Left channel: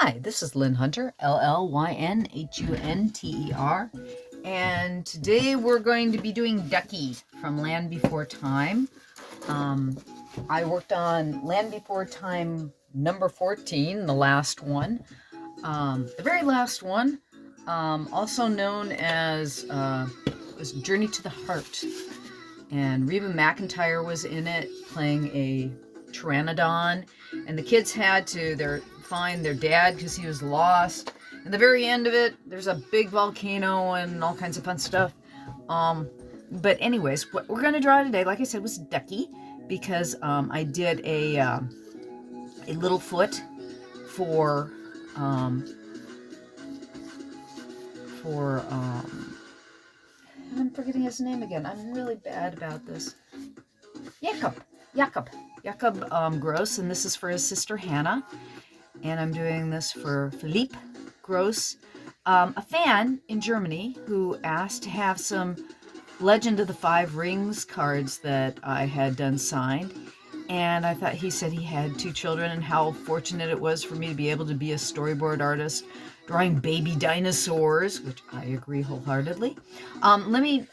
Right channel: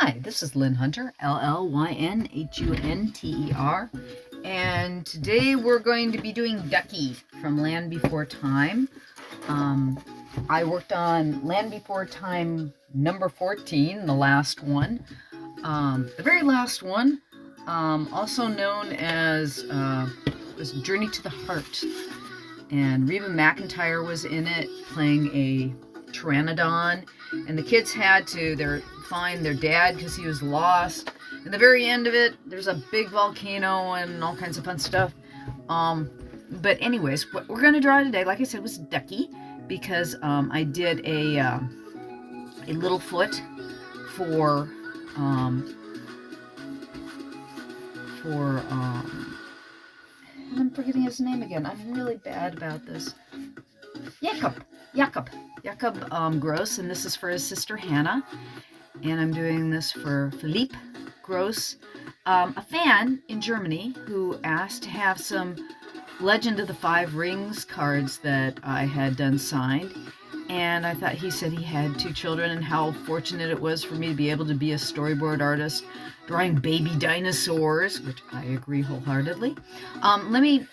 Hi, this is Llyn Hunter, Llynhunter, and today we're going to be doing Ducky from Land Before Time. I worked on Land Before Time number 14, the last one, the very last one, also known as was Journey to the Heart, and Reba McEntire was in it playing a pteranodon, and the kids had to find their dad because he was lost. At the very end of it, there's a big volcano and all kinds of fun stuff. But anyways, what we're going to draw today, like I said, was Ducky, because I did a little foot for I'm forgetting his name again. I'm really bad about this. Jakob Gross, and this is for his sister Hannah. And I'm doing this for Philippe Gross, a fan in Germany who asked to have some Legend of the Five Rings cards that I had done signed. And I thought, he said he had 2 children and how fortunate it was for me to be able to be a storyboard artist drawing baby dinosaurs, which I agree wholeheartedly. Let me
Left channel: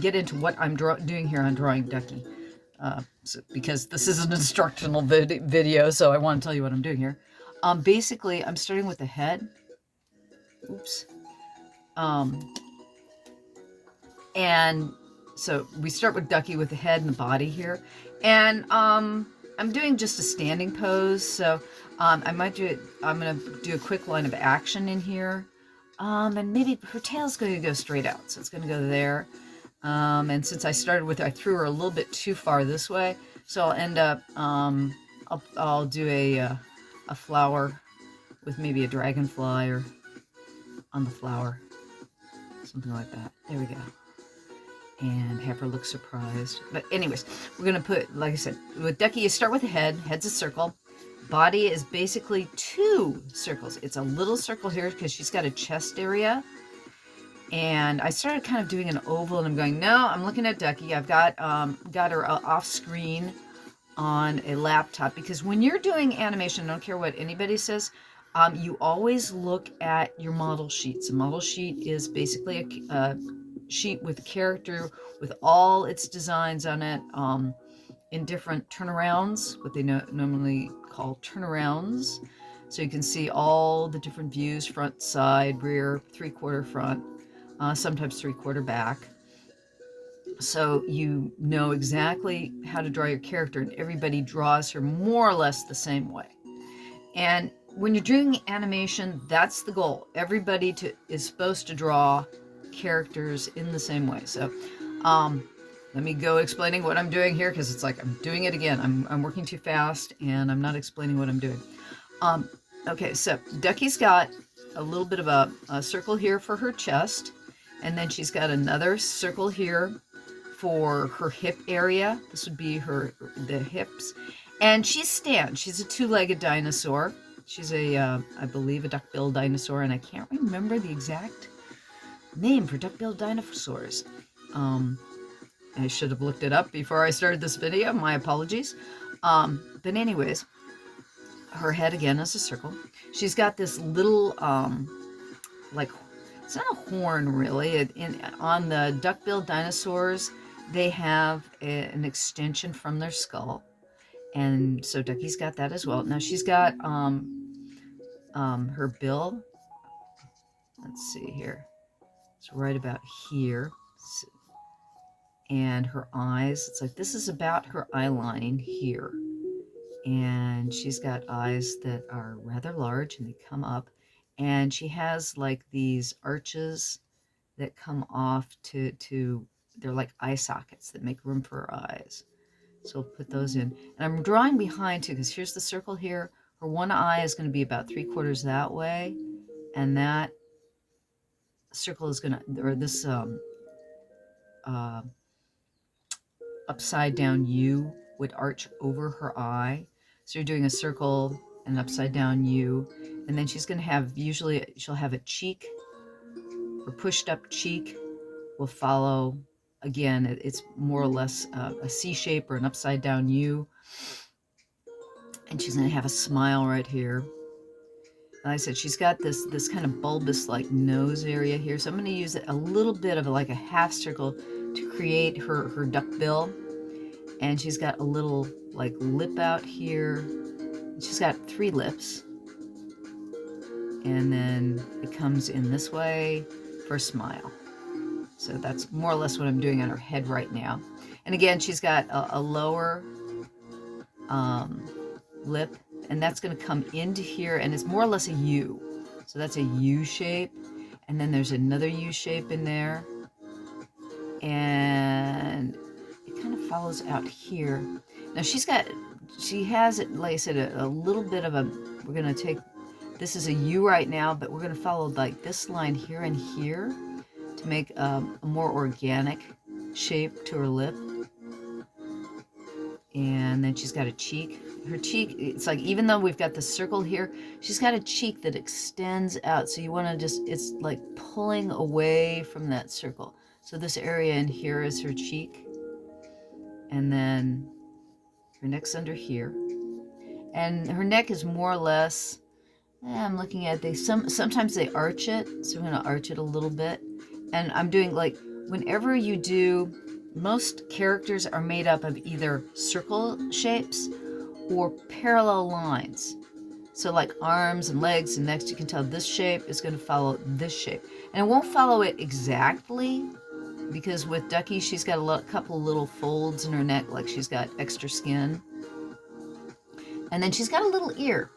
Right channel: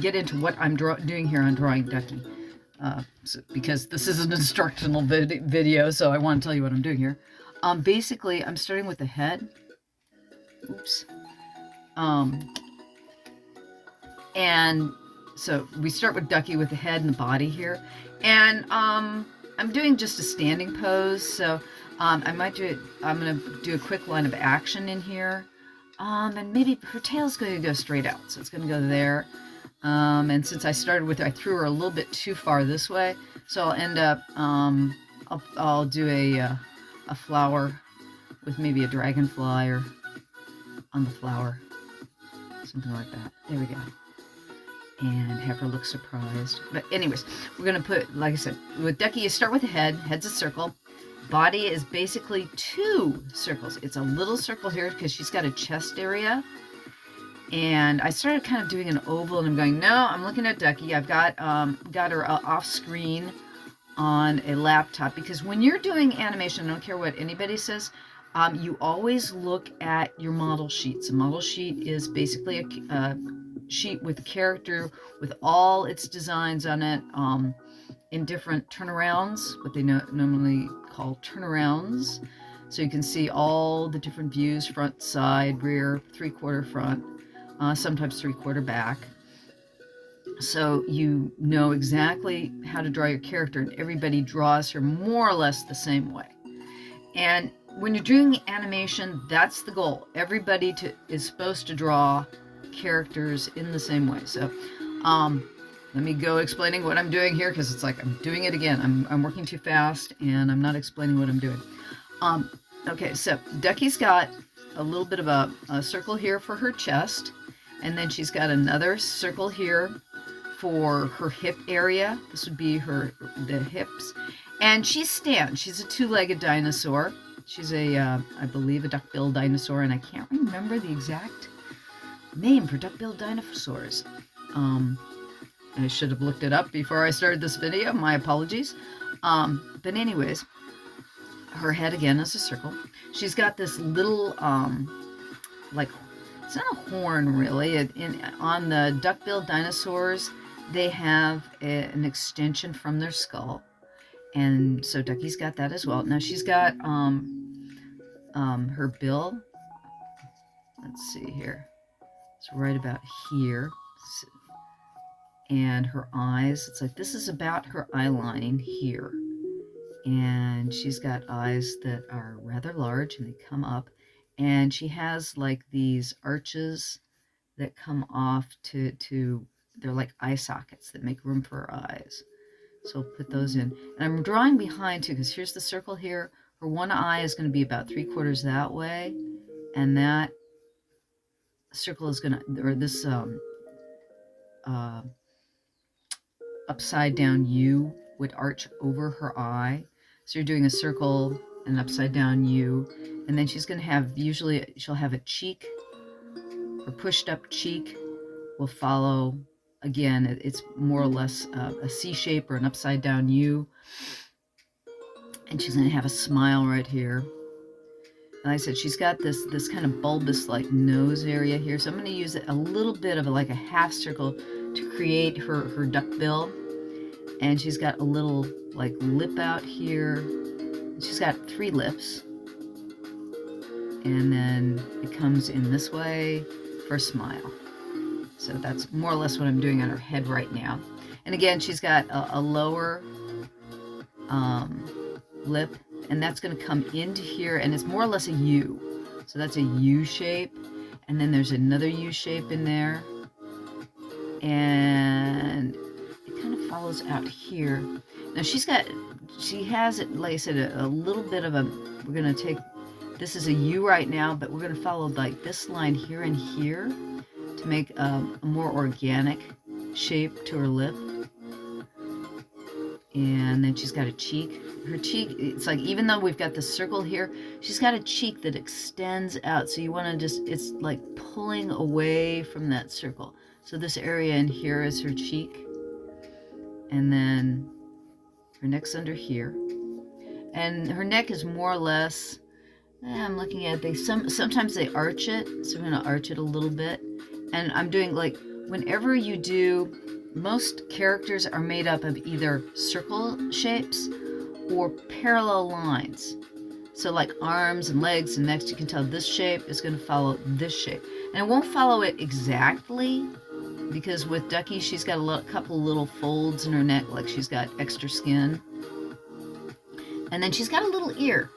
get into what I'm doing here on drawing Ducky. Because this is an instructional video, so I want to tell you what I'm doing here. Basically, I'm starting with the head. Oops. And so we start with Ducky with the head and the body here. And I'm doing just a standing pose, so I'm going to do a quick line of action in here. And maybe her tail's going to go straight out, so it's going to go there. And since I started with, I threw her a little bit too far this way, so I'll end up, I'll do a flower with maybe a dragonfly or on the flower, something like that. There we go. And have her look surprised. But anyways, we're going to put, like I said, with Ducky, you start with the head. Head's a circle. Body is basically 2 circles. It's a little circle here because she's got a chest area. And I started kind of doing an oval, and I'm going, no, I'm looking at Ducky. I've got her off screen on a laptop, because when you're doing animation, I don't care what anybody says, you always look at your model sheets. A model sheet is basically a sheet with a character with all its designs on it, in different turnarounds, what they normally call turnarounds. So you can see all the different views: front, side, rear, 3/4 front, sometimes 3/4 back. So you know exactly how to draw your character, and everybody draws her more or less the same way. And when you're doing animation, that's the goal. Everybody is supposed to draw characters in the same way. So let me go explaining what I'm doing here, because it's like I'm doing it again. I'm working too fast, and I'm not explaining what I'm doing. Okay, so Ducky's got a little bit of a circle here for her chest, and then she's got another circle here for her hip area. This would be the hips. And she's a 2-legged dinosaur. She's I believe, a duck-billed dinosaur, and I can't remember the exact name for duck-billed dinosaurs. I should have looked it up before I started this video. My apologies. But anyways, her head again is a circle. She's got this little, like, it's not a horn really. On the duck-billed dinosaurs, they have an extension from their skull. And so Ducky's got that as well. Now she's got her bill. Let's see here. It's right about here. And her eyes, it's like, this is about her eye line here. And she's got eyes that are rather large, and they come up. And she has like these arches that come off they're like eye sockets that make room for her eyes. So we'll put those in. And I'm drawing behind too, because here's the circle here. Her one eye is going to be about 3/4 that way. And that circle is going to, or this upside down U would arch over her eye. So you're doing a circle and an upside down U. And then she's going to have, usually she'll have a cheek. Her pushed up cheek will follow. Again, it's more or less a C shape or an upside down U. And she's going to have a smile right here. like I said, she's got this kind of bulbous like nose area here. So I'm going to use a little bit of like a half circle to create her duck bill. And she's got a little like lip out here. She's got 3 lips. And then it comes in this way for a smile. So that's more or less what I'm doing on her head right now. And again, she's got a lower lip, and that's going to come into here, and it's more or less a U. So that's a U shape, and then there's another U shape in there, and it kind of follows out here. Now she has it, like I said, a little bit of a, we're going to take, this is a U right now, but we're going to follow like this line here and here to make a more organic shape to her lip. And then she's got a cheek. Her cheek, it's like, even though we've got the circle here, she's got a cheek that extends out. So you want to just, it's like pulling away from that circle. So this area in here is her cheek. And then her neck's under here. And her neck is more or less, I'm looking at, sometimes they arch it. So I'm going to arch it a little bit. And I'm doing like, whenever you do, most characters are made up of either circle shapes or parallel lines. So like arms and legs and necks, you can tell this shape is going to follow this shape. And it won't follow it exactly, because with Ducky, she's got a couple little folds in her neck, like she's got extra skin. And then she's got a little ear.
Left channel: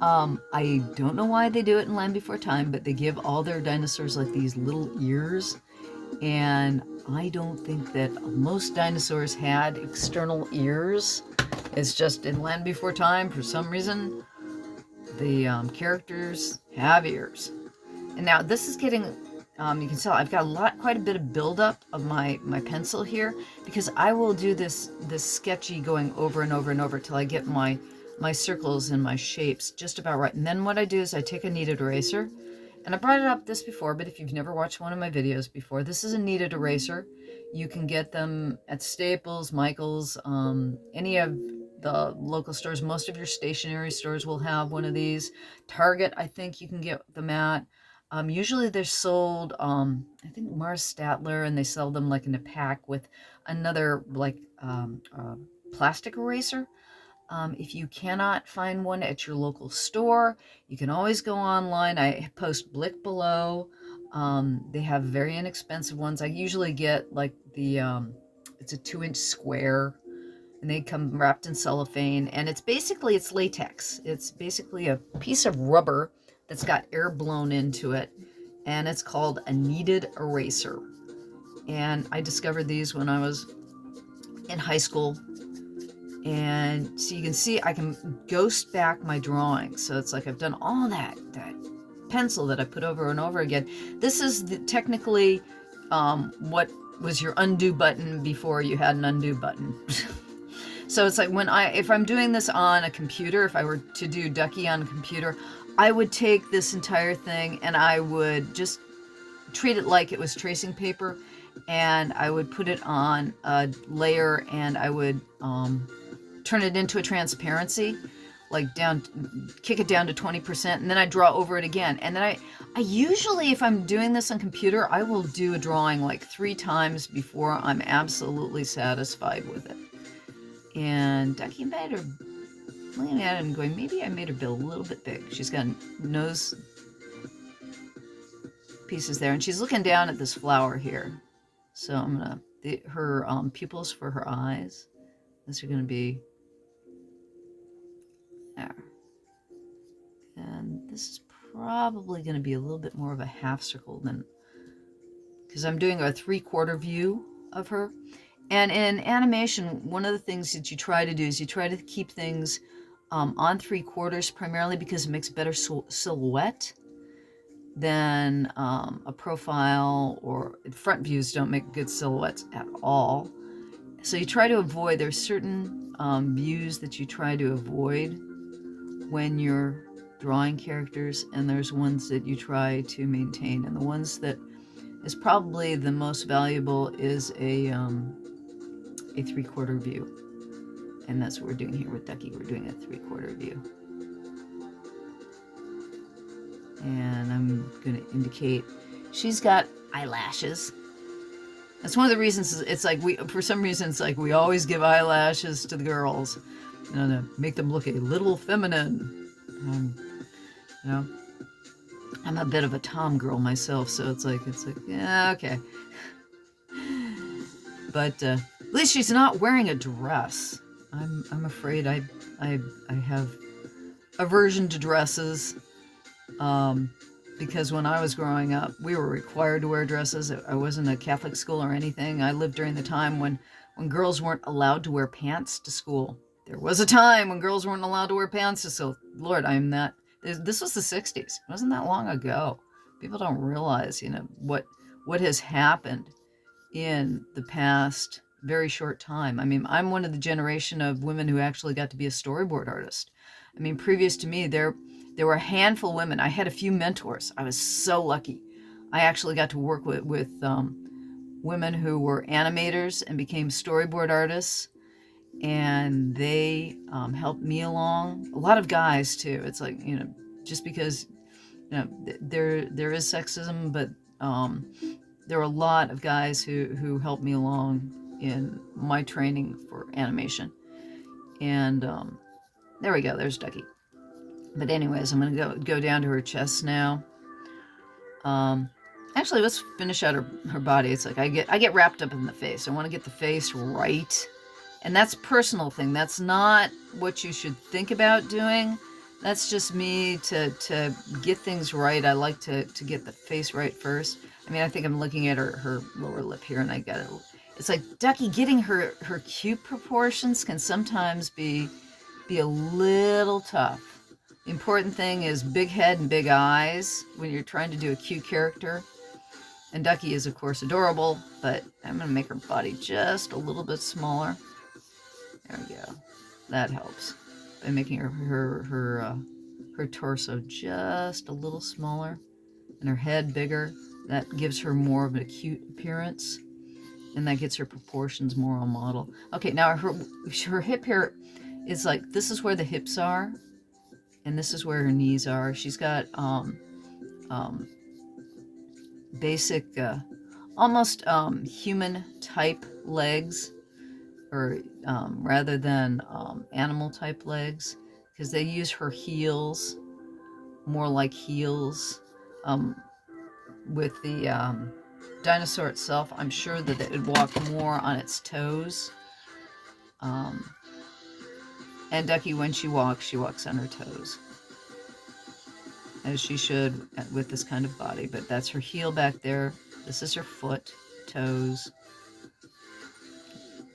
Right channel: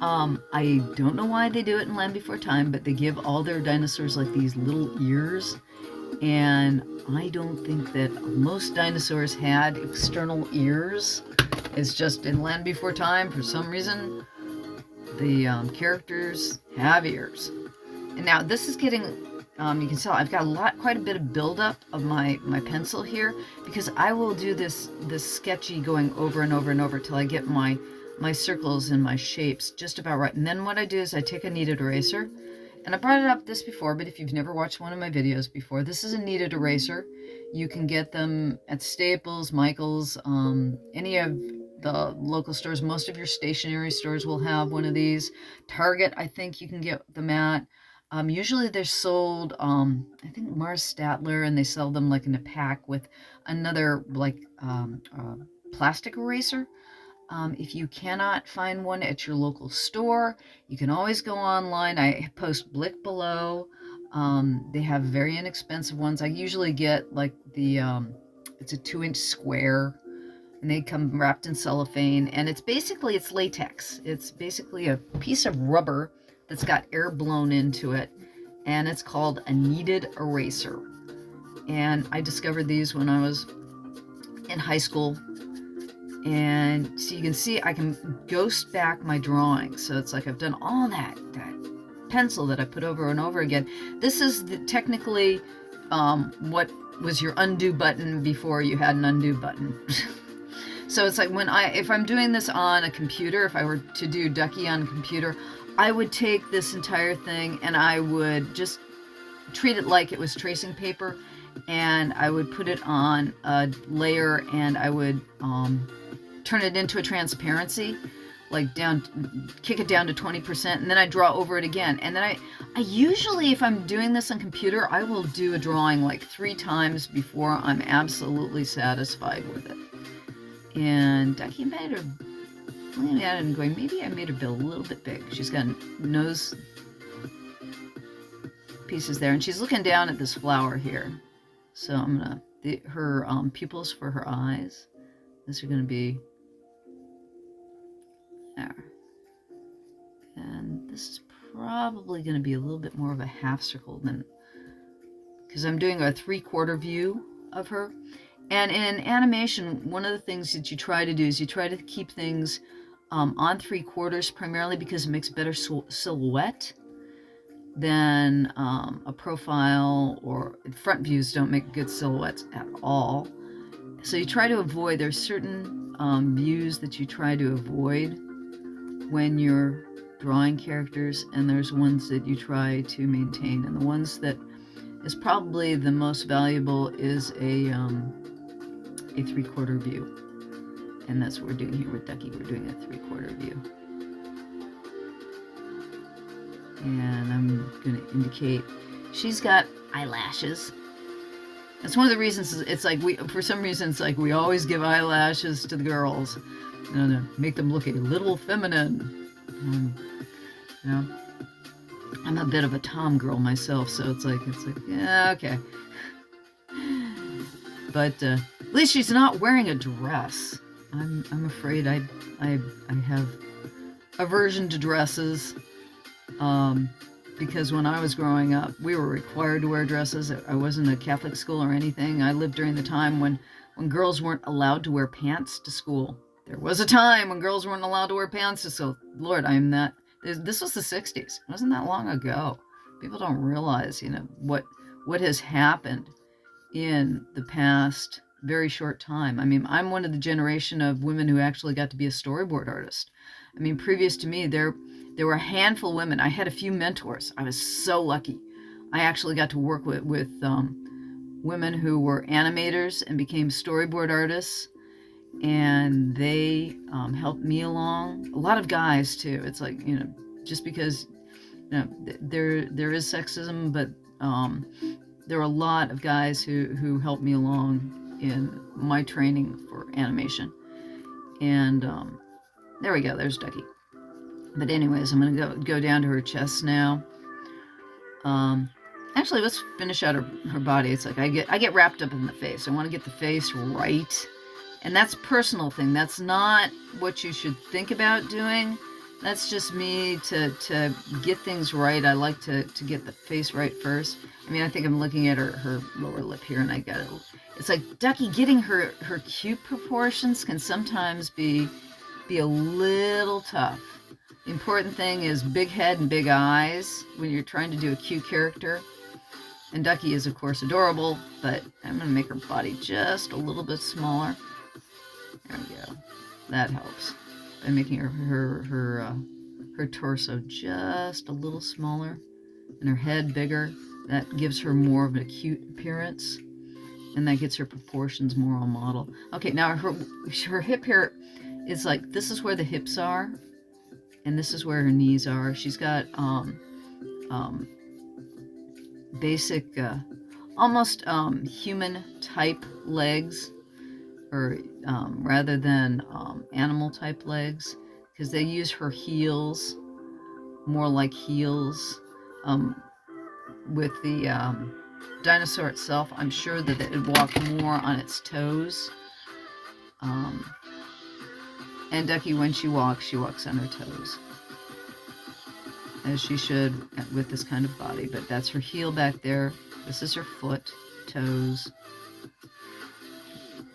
I don't know why they do it in Land Before Time, but they give all their dinosaurs like these little ears. And I don't think that most dinosaurs had external ears. It's just in Land Before Time, for some reason, the characters have ears. And now this is getting, you can tell I've got quite a bit of buildup of my pencil here, because I will do this sketchy going over and over and over till I get my circles and my shapes just about right. And then what I do is I take a kneaded eraser. And I brought it up this before, but if you've never watched one of my videos before, this is a kneaded eraser. You can get them at Staples, Michael's, any of the local stores. Most of your stationery stores will have one of these. Target, I think you can get them at. Usually they're sold, I think Mars Statler, and they sell them like in a pack with another like plastic eraser. If you cannot find one at your local store, you can always go online. I post Blick below. They have very inexpensive ones. I usually get like the, it's a 2-inch square, and they come wrapped in cellophane, and it's latex. It's basically a piece of rubber that's got air blown into it, and it's called a kneaded eraser. And I discovered these when I was in high school. And so you can see I can ghost back my drawings. So it's like I've done all that pencil that I put over and over again. This is technically what was your undo button before you had an undo button. So it's like if I'm doing this on a computer, if I were to do Ducky on a computer, I would take this entire thing and I would just treat it like it was tracing paper, and I would put it on a layer, and I would turn it into a transparency, like kick it down to 20%, and then I draw over it again. And then I usually, if I'm doing this on computer, I will do a drawing like 3 times before I'm absolutely satisfied with it. And Ducky made her, looking at it and going, maybe I made her bill a little bit big. She's got nose pieces there, and she's looking down at this flower here. So I'm gonna, her pupils for her eyes, these are gonna be there. And this is probably gonna be a little bit more of a half circle than, because I'm doing a 3/4 view of her. And in animation, one of the things that you try to do is you try to keep things on 3/4 primarily, because it makes better silhouette than a profile, or front views don't make good silhouettes at all. So you try to avoid, there's certain views that you try to avoid when you're drawing characters, and there's ones that you try to maintain. And the ones that is probably the most valuable is a 3/4 view. And that's what we're doing here with Ducky. We're doing a 3/4 view. And I'm going to indicate she's got eyelashes. That's one of the reasons it's like for some reason, it's like we always give eyelashes to the girls, you know, to make them look a little feminine. You know, I'm a bit of a tom girl myself, so it's like, yeah, okay. But at least she's not wearing a dress. I'm afraid I have aversion to dresses. Because when I was growing up, we were required to wear dresses. I wasn't a Catholic school or anything. I lived during the time when girls weren't allowed to wear pants to school. There was a time when girls weren't allowed to wear pants to school. Lord, I'm not. This was the 60s. It wasn't that long ago. People don't realize, you know, what has happened in the past very short time. I mean, I'm one of the generation of women who actually got to be a storyboard artist. I mean, previous to me, there were a handful of women. I had a few mentors. I was so lucky. I actually got to work with women who were animators and became storyboard artists, and they helped me along. A lot of guys too. It's like, you know, just because, you know, there is sexism, but there were a lot of guys who helped me along in my training for animation. And there we go. There's Ducky. But anyways, I'm gonna go down to her chest now. Actually, let's finish out her body. It's like I get wrapped up in the face. I want to get the face right, and that's a personal thing. That's not what you should think about doing. That's just me to get things right. I like to get the face right first. I mean, I think I'm looking at her lower lip here, and I got it. It's like Ducky getting her cute proportions can sometimes be a little tough. The important thing is big head and big eyes when you're trying to do a cute character. And Ducky is, of course, adorable, but I'm going to make her body just a little bit smaller. There we go. That helps. By making her torso just a little smaller and her head bigger, that gives her more of an cute appearance, and that gets her proportions more on model. Okay, now her hip here is like, this is where the hips are, and this is where her knees are. She's got basic, almost human type legs, or rather than animal type legs, because they use her heels more like heels. With the dinosaur itself, I'm sure that it would walk more on its toes. And Ducky, when she walks on her toes, as she should with this kind of body. But that's her heel back there. This is her foot, toes.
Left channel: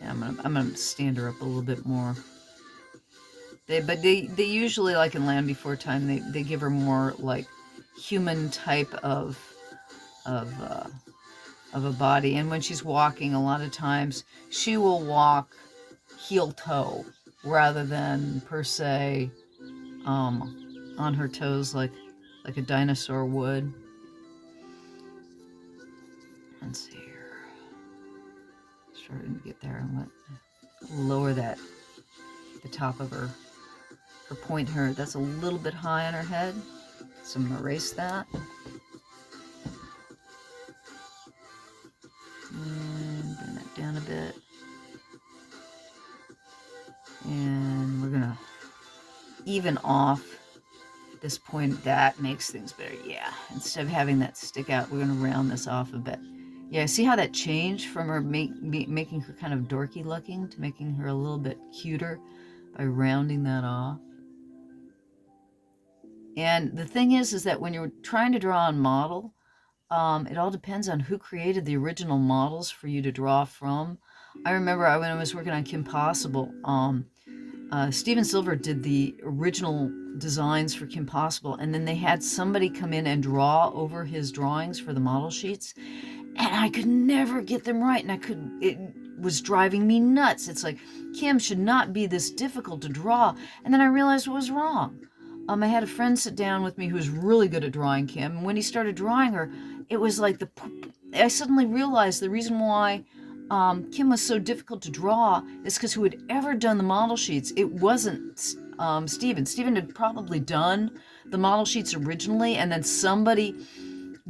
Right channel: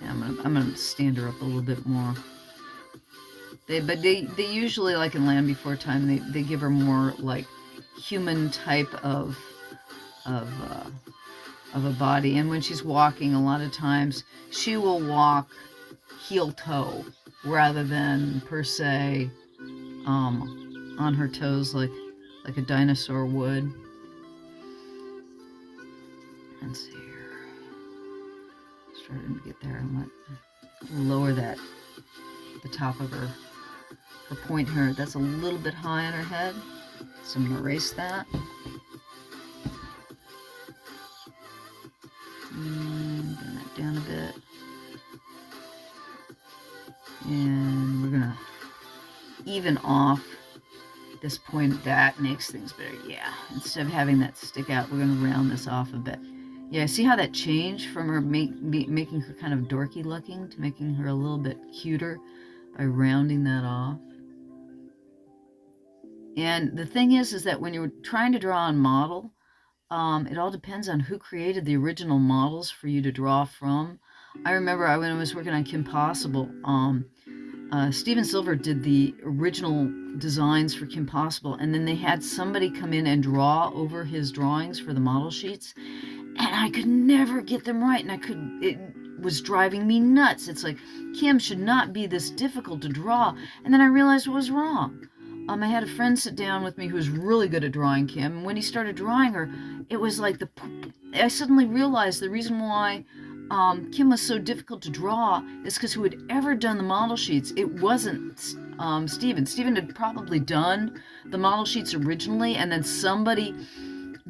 And I'm gonna stand her up a little bit more. They usually, like in Land Before Time, they give her more like human type of a body. And when she's walking, a lot of times she will walk heel toe rather than per se on her toes like a dinosaur would. Let's see here. Starting to get there. I'm gonna lower that, the top of her point here. That's a little bit high on her head, so I'm gonna erase that. And bring that down a bit. And we're gonna even off this point. That makes things better. Yeah, instead of having that stick out, we're gonna round this off a bit. Yeah, see how that changed from her making her kind of dorky looking to making her a little bit cuter by rounding that off. And the thing is that when you're trying to draw on model, it all depends on who created the original models for you to draw from. I remember when I was working on Kim Possible, Steven Silver did the original designs for Kim Possible, and then they had somebody come in and draw over his drawings for the model sheets, and I could never get them right, and it was driving me nuts. It's like, Kim should not be this difficult to draw. And then I realized what was wrong. I had a friend sit down with me who was really good at drawing Kim, and when he started drawing her, it was like I suddenly realized the reason why Kim was so difficult to draw is because who had ever done the model sheets, it wasn't Steven. Steven had probably done the model sheets originally, and then somebody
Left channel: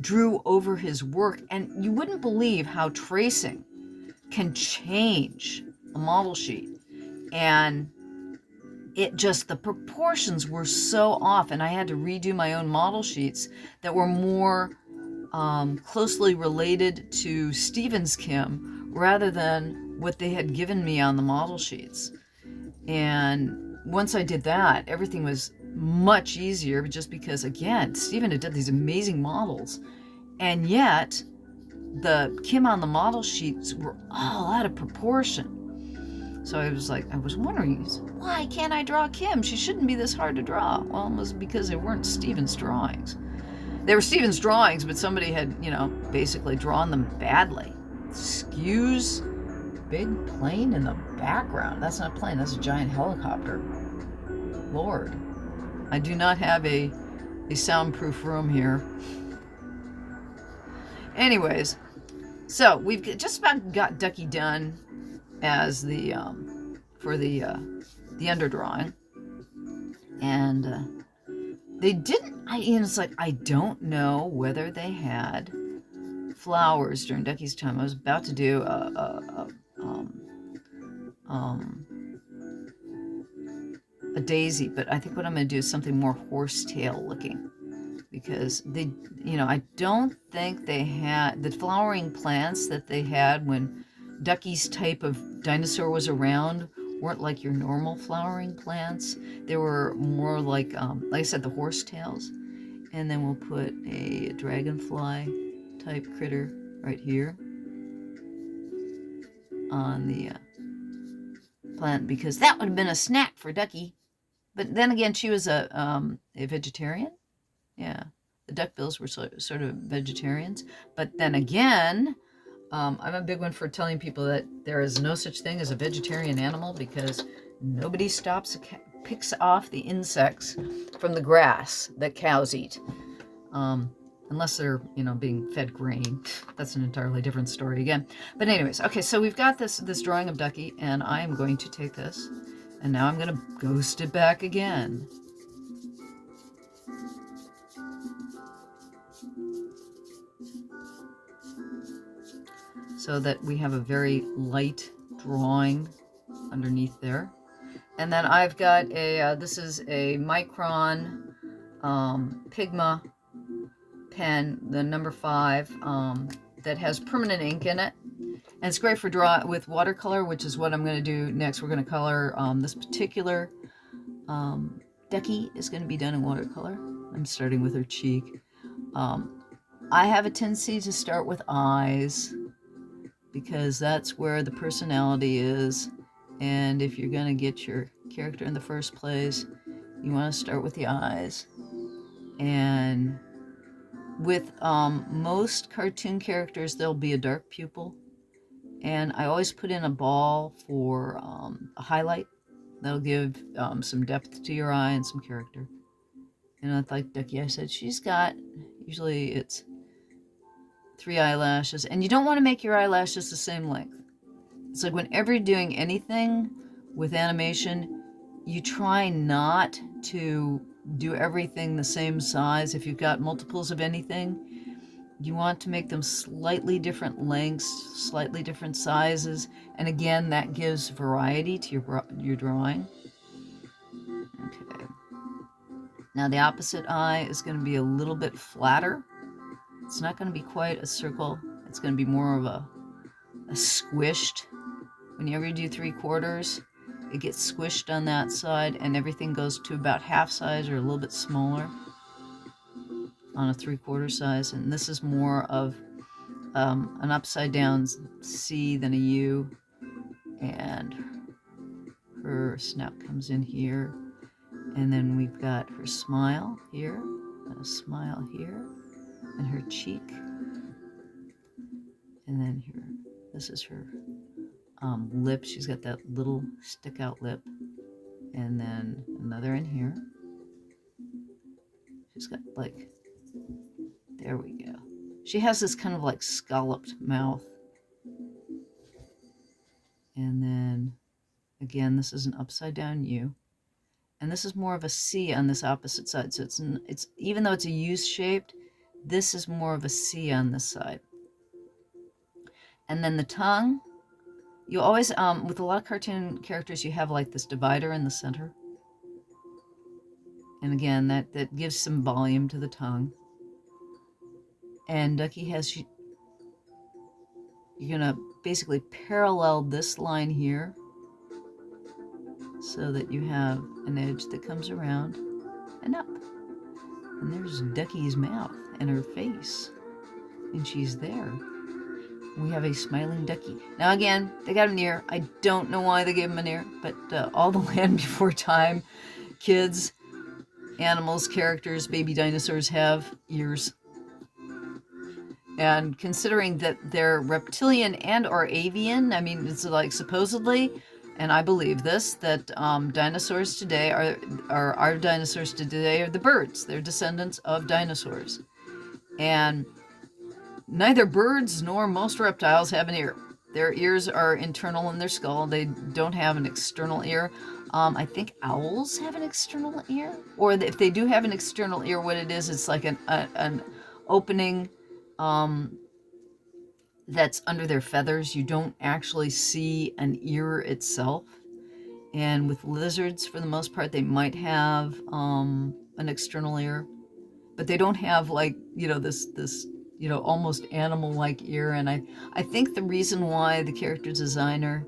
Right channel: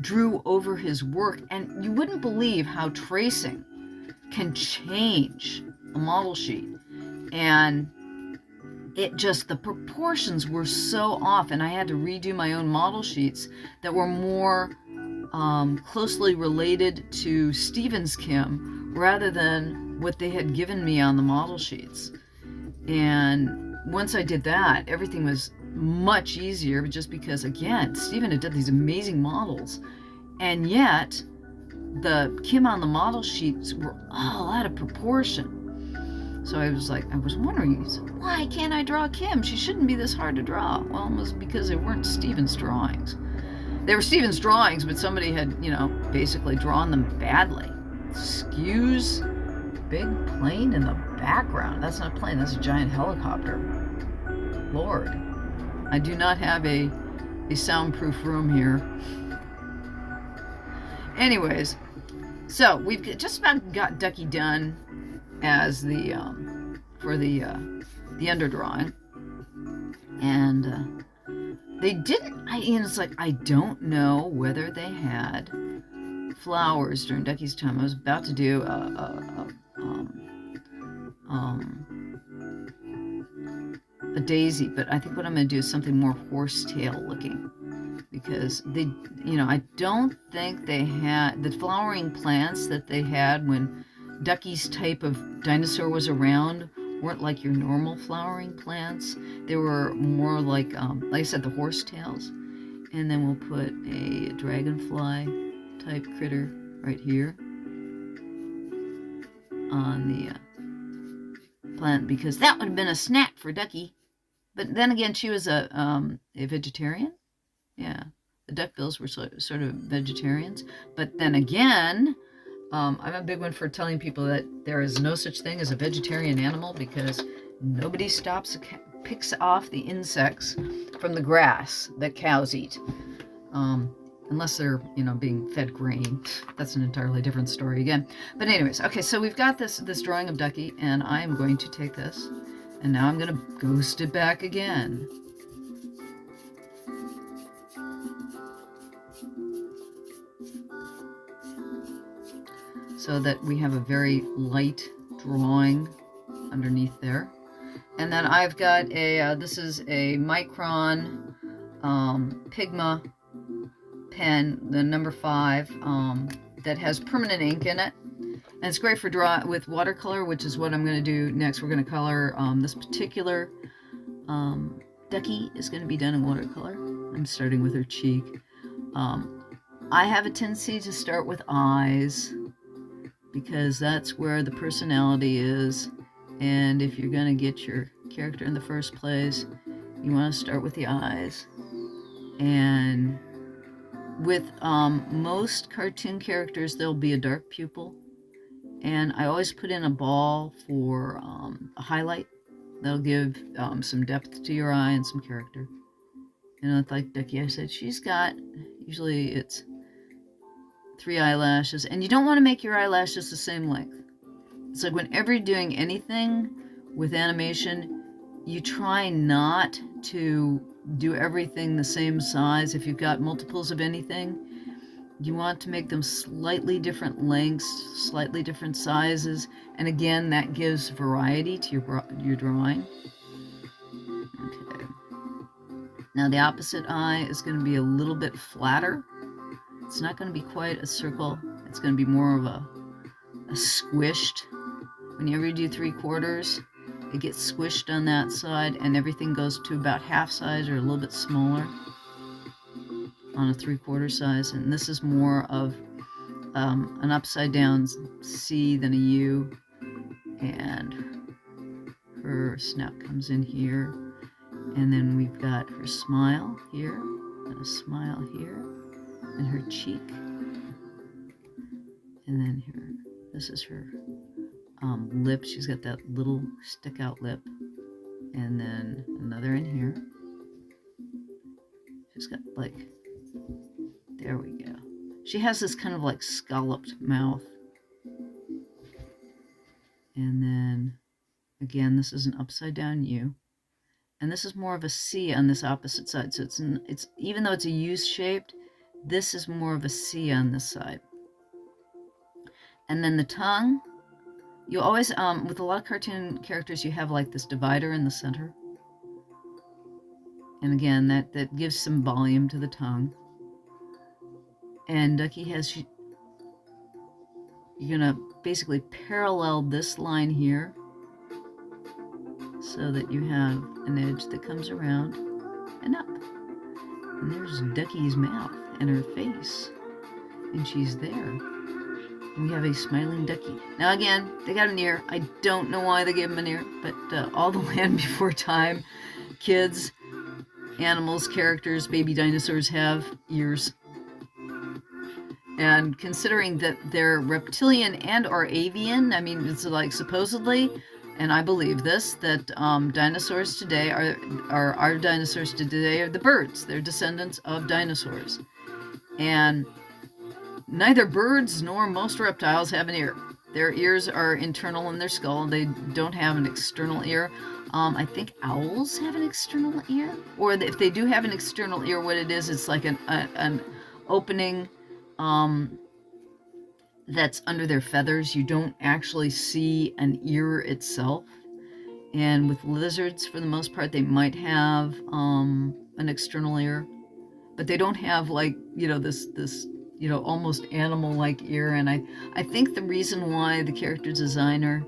drew over his work. And you wouldn't believe how tracing can change a model sheet. And it just, the proportions were so off, and I had to redo my own model sheets that were more closely related to Steven's Kim rather than what they had given me on the model sheets. And once I did that, everything was much easier, just because, again, Steven had done these amazing models, and yet the Kim on the model sheets were all out of proportion. So I was wondering, why can't I draw Kim? She shouldn't be this hard to draw. Well, it was because they weren't Steven's drawings. They were Steven's drawings, but somebody had, basically drawn them badly. Skews, big plane in the background. That's not a plane, that's a giant helicopter. Lord. I do not have a soundproof room here. Anyways, so we've just about got Ducky done as the for the underdrawing, and they didn't. It's like, I don't know whether they had flowers during Ducky's time. I was about to do a daisy, but I think what I'm going to do is something more horsetail looking, because they, I don't think they had the flowering plants that they had when Ducky's type of dinosaur was around. Weren't like your normal flowering plants. They were more like I said, the horsetails. And then we'll put a dragonfly type critter right here on the plant, because that would have been a snack for Ducky. But then again, she was a vegetarian. Yeah, the duckbills were sort of vegetarians. But then again, I'm a big one for telling people that there is no such thing as a vegetarian animal, because nobody picks off the insects from the grass that cows eat, unless they're being fed grain. That's an entirely different story again. But anyways, okay, so we've got this drawing of Ducky, and I am going to take this, and now I'm going to ghost it back again. So that we have a very light drawing underneath there. And then I've got this is a Micron Pigma pen, the number 5, that has permanent ink in it. And it's great for draw with watercolor, which is what I'm going to do next. We're going to color this particular Ducky is going to be done in watercolor. I'm starting with her cheek. I have a tendency to start with eyes, because that's where the personality is. And if you're going to get your character in the first place, you want to start with the eyes. And with most cartoon characters, there'll be a dark pupil. And I always put in a ball for a highlight. That'll give some depth to your eye and some character. It's like Ducky, I said, she's got, usually it's 3 eyelashes, and you don't want to make your eyelashes the same length. It's like whenever you're doing anything with animation, you try not to do everything the same size. If you've got multiples of anything, you want to make them slightly different lengths, slightly different sizes, and again, that gives variety to your drawing. Okay. Now the opposite eye is going to be a little bit flatter. It's not going to be quite a circle. It's going to be more of a squished. Whenever you do 3/4, it gets squished on that side, and everything goes to about half size or a little bit smaller on a 3/4 size. And this is more of an upside down C than a U. And her snout comes in here. And then we've got her smile here, and a smile here, and her cheek, and then this is her lip. She's got that little stick out lip, and then another in here. She's got there we go. She has this kind of like scalloped mouth. And then again, this is an upside down U. and this is more of a C on this opposite side. So it's even though it's a U-shaped, this is more of a C on this side. And then the tongue, you always, with a lot of cartoon characters, you have like this divider in the center. And again, that gives some volume to the tongue. And Ducky has, you're gonna basically parallel this line here so that you have an edge that comes around and up. And there's Ducky's mouth and her face. And she's there. We have a smiling Ducky. Now again, they got an ear. I don't know why they gave him an ear, but all the Land Before Time kids, animals, characters, baby dinosaurs have ears. And considering that they're reptilian and or avian, I mean, it's like supposedly, and I believe this, that dinosaurs today are our dinosaurs today are the birds. They're descendants of dinosaurs. And neither birds nor most reptiles have an ear. Their ears are internal in their skull. They don't have an external ear. I think owls have an external ear. Or if they do have an external ear, what it is, it's like an opening that's under their feathers. You don't actually see an ear itself. And with lizards, for the most part, they might have an external ear. But they don't have, like, you know, this you know, almost animal-like ear. And I think the reason why the character designer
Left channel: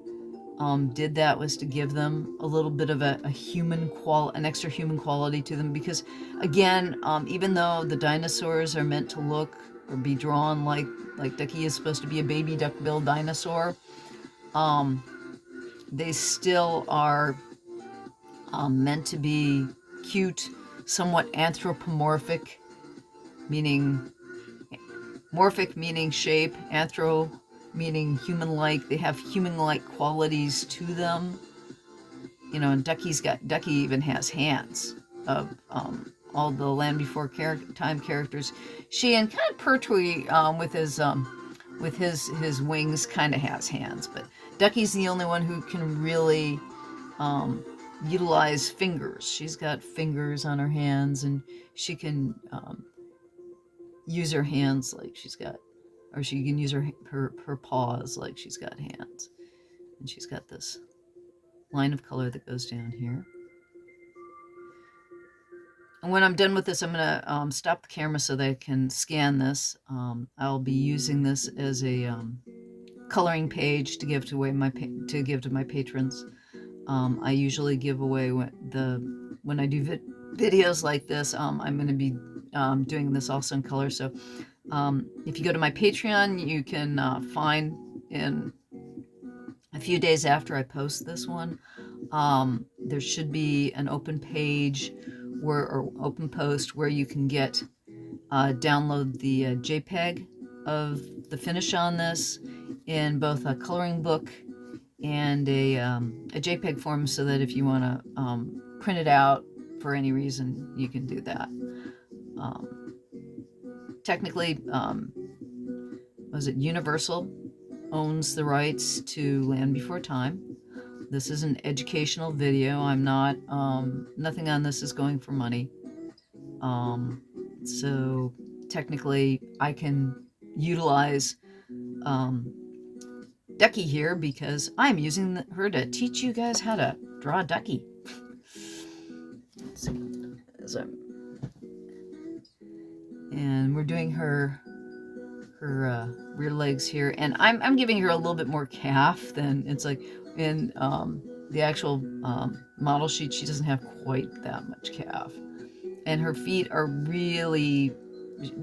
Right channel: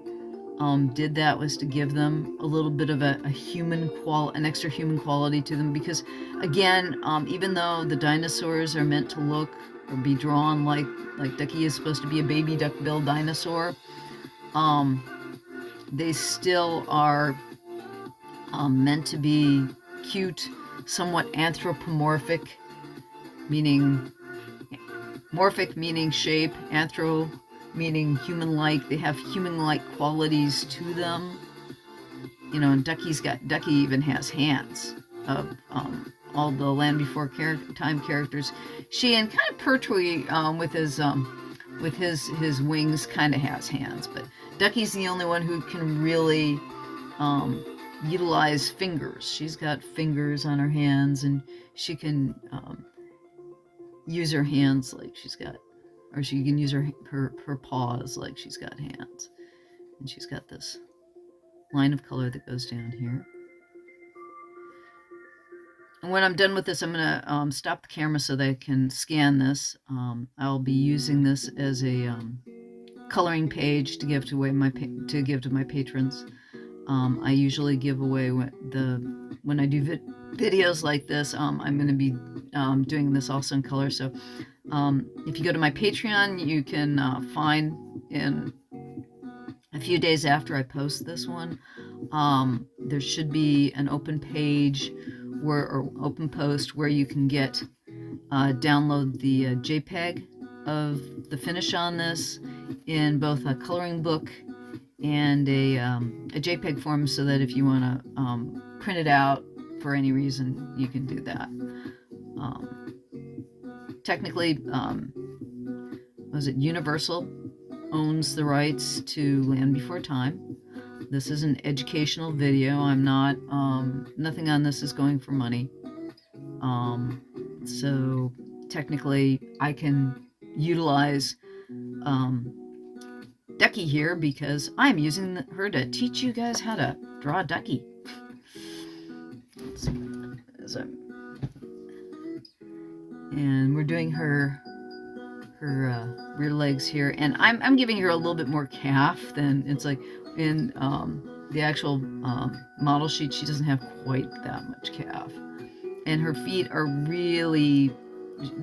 did that was to give them a little bit of an extra human quality to them. Because again, even though the dinosaurs are meant to look or be drawn like Ducky is supposed to be a baby duck-billed dinosaur, they still are meant to be cute, somewhat anthropomorphic, meaning morphic meaning shape, anthro meaning human-like. They have human-like qualities to them. You know, and Ducky even has hands of all the Land Before Time characters. She and kind of Pertwee with his wings kind of has hands, but Ducky's the only one who can really utilize fingers. She's got fingers on her hands, and she can use her hands like she's got, or she can use her paws like she's got hands. And she's got this line of color that goes down here. And when I'm done with this, I'm gonna stop the camera so that I can scan this. I'll be using this as a coloring page to give to my patrons. I usually give away when I do videos like this. I'm going to be doing this also in color. So if you go to my Patreon, you can find in a few days after I post this one, there should be an open page or open post where you can download the JPEG of the finish on this in both a coloring book and a JPEG form, so that if you want to print it out for any reason, you can do that. Technically, was it Universal owns the rights to Land Before Time. This is an educational video. I'm not, nothing on this is going for money. So technically I can utilize Ducky here because I'm using her to teach you guys how to draw Ducky. Let's see. And we're doing her rear legs here, and I'm giving her a little bit more calf than it's like in the actual model sheet. She doesn't have quite that much calf, and her feet are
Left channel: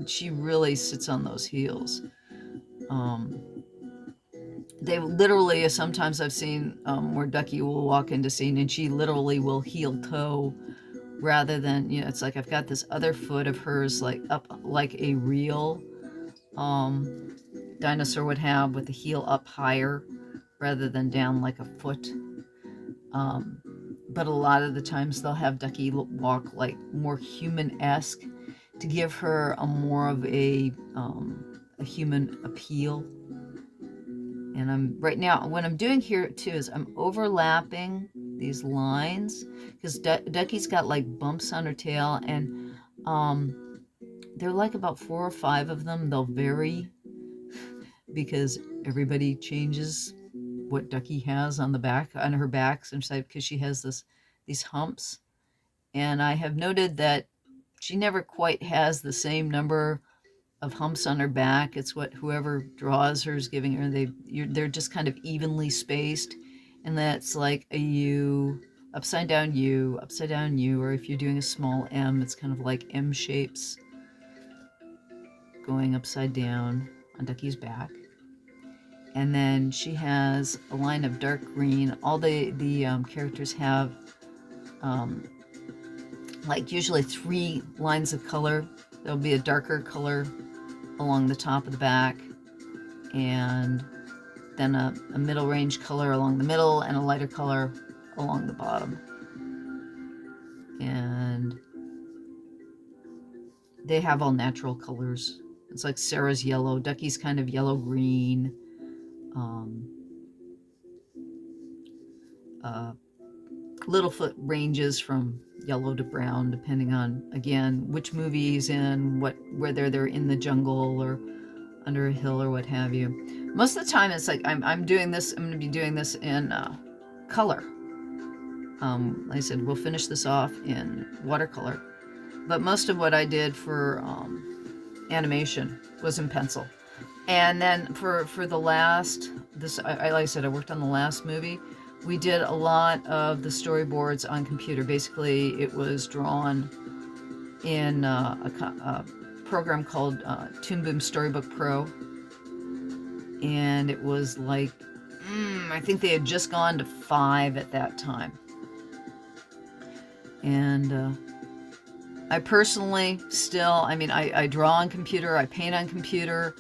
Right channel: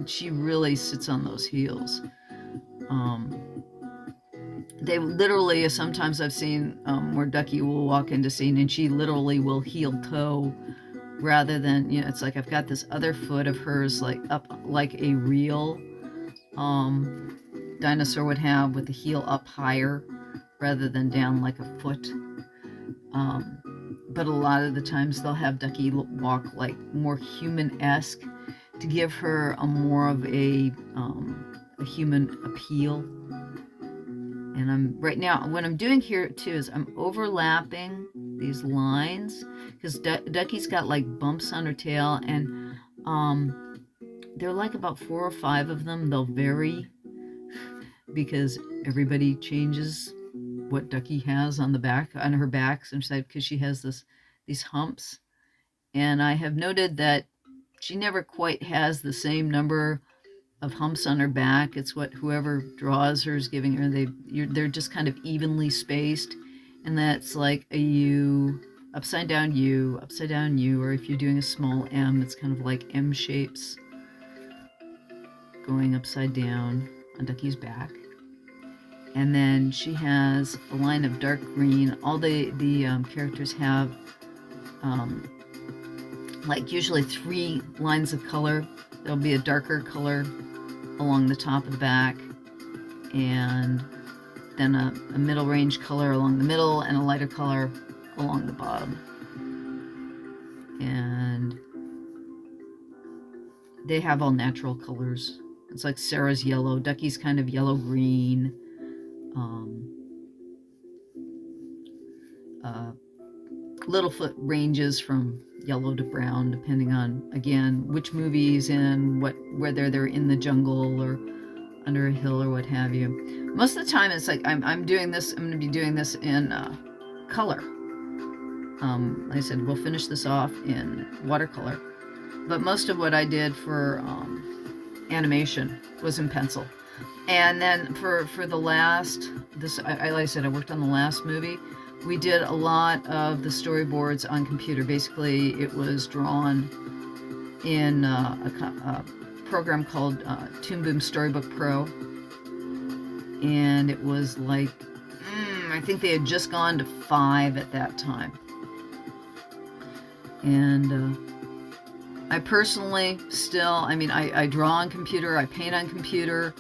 she really sits on those heels. They literally, sometimes I've seen where Ducky will walk into scene and she literally will heel toe, rather than, you know, it's like I've got this other foot of hers like up like a real dinosaur would have, with the heel up higher rather than down like a foot. But a lot of the times they'll have Ducky walk like more human-esque to give her a more of a human appeal. And right now, what I'm doing here too is I'm overlapping these lines, because Ducky's got like bumps on her tail, and there are like about 4 or 5 of them. They'll vary because everybody changes what Ducky has on her back, because she has these humps. And I have noted that she never quite has the same number of humps on her back. It's what whoever draws her is giving her. They're just kind of evenly spaced, and that's like a U, upside down U, upside down U, or if you're doing a small M, it's kind of like M shapes going upside down on Ducky's back. And then she has a line of dark green. All the characters have like usually 3 lines of color. There'll be a darker color along the top of the back, and then a middle range color along the middle, and a lighter color along the bottom. And they have all natural colors. It's like Sarah's yellow, Ducky's kind of yellow-green. Littlefoot ranges from yellow to brown, depending on, again, which movie he's in, whether they're in the jungle or under a hill or what have you. Most of the time, it's like I'm doing this. I'm going to be doing this in color. Like I said, we'll finish this off in watercolor, but most of what I did for animation was in pencil. And then for the last, like I said, I worked on the last movie. We did a lot of the storyboards on computer. Basically, it was drawn in a program called Toon Boom Storybook Pro. And it was like, I think they had just gone to 5 at that time. And I personally still, I draw on computer, I paint on computer,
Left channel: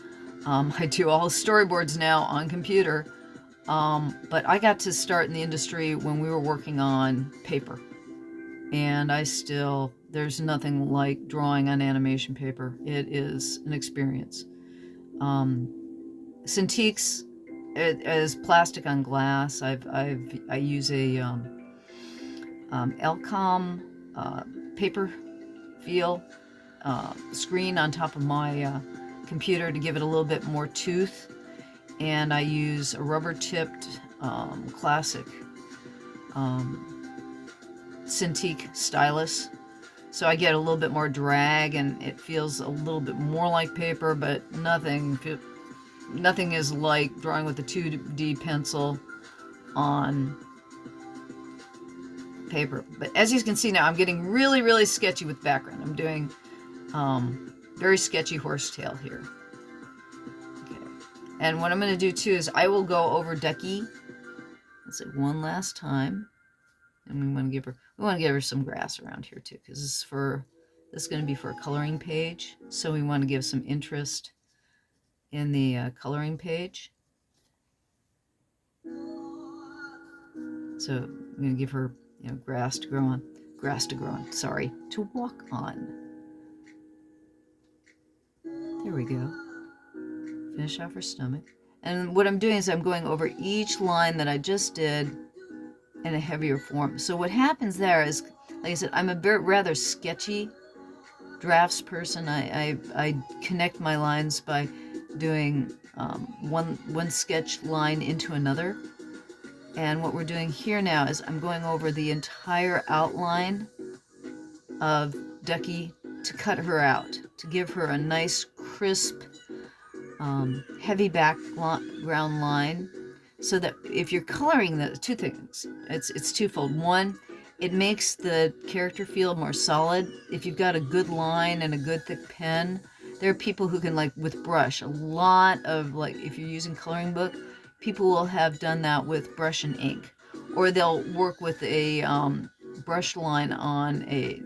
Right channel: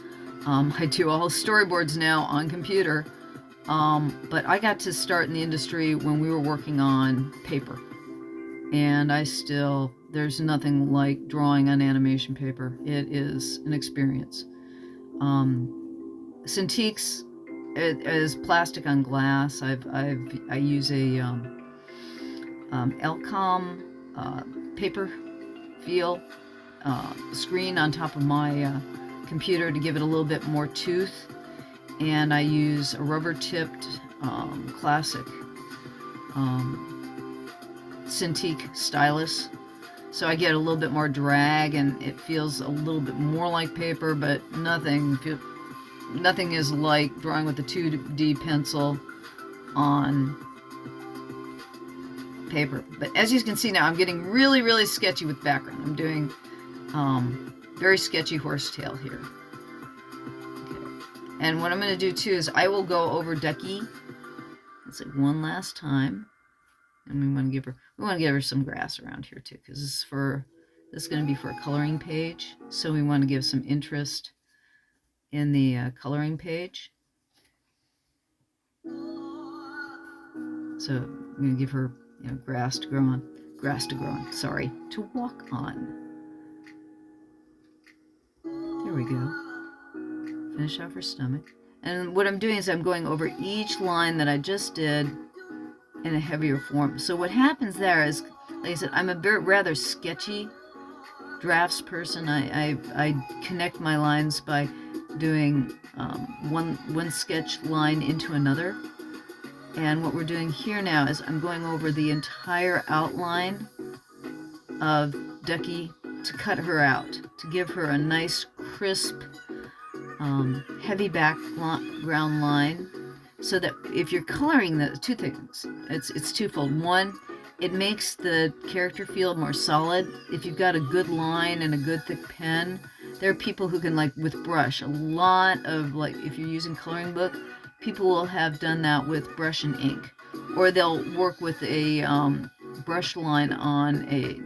I do all storyboards now on computer. But I got to start in the industry when we were working on paper. And there's nothing like drawing on animation paper. It is an experience. Cintiqs is plastic on glass. I use a Elcom paper feel screen on top of my computer to give it a little bit more tooth. And I use a rubber-tipped classic Cintiq stylus. So I get a little bit more drag, and it feels a little bit more like paper, but nothing is like drawing with a 2D pencil on paper. But as you can see now, I'm getting really, really sketchy with background. I'm doing very sketchy horsetail here. And what I'm going to do too is I will go over Ducky, let's say, one last time, and we want to give her some grass around here too, because this is going to be for a coloring page. So we want to give some interest in the coloring page. So I'm going to give her grass to grow on. Sorry, to walk on. There we go. Finish off her stomach. And what I'm doing is I'm going over each line that I just did in a heavier form. So what happens there is, like I said, I'm a rather sketchy drafts person. I connect my lines by doing one sketch line into another. And what we're doing here now is I'm going over the entire outline of Ducky to cut her out, to give her a nice, crisp, heavy background line, so that if you're coloring the two things, it's twofold. One, it makes the character feel more solid. If you've got a good line and a good thick pen, there are people who can, like with brush, a lot of, like, if you're using coloring book, people will have done that with brush and ink, or they'll work with a brush line on a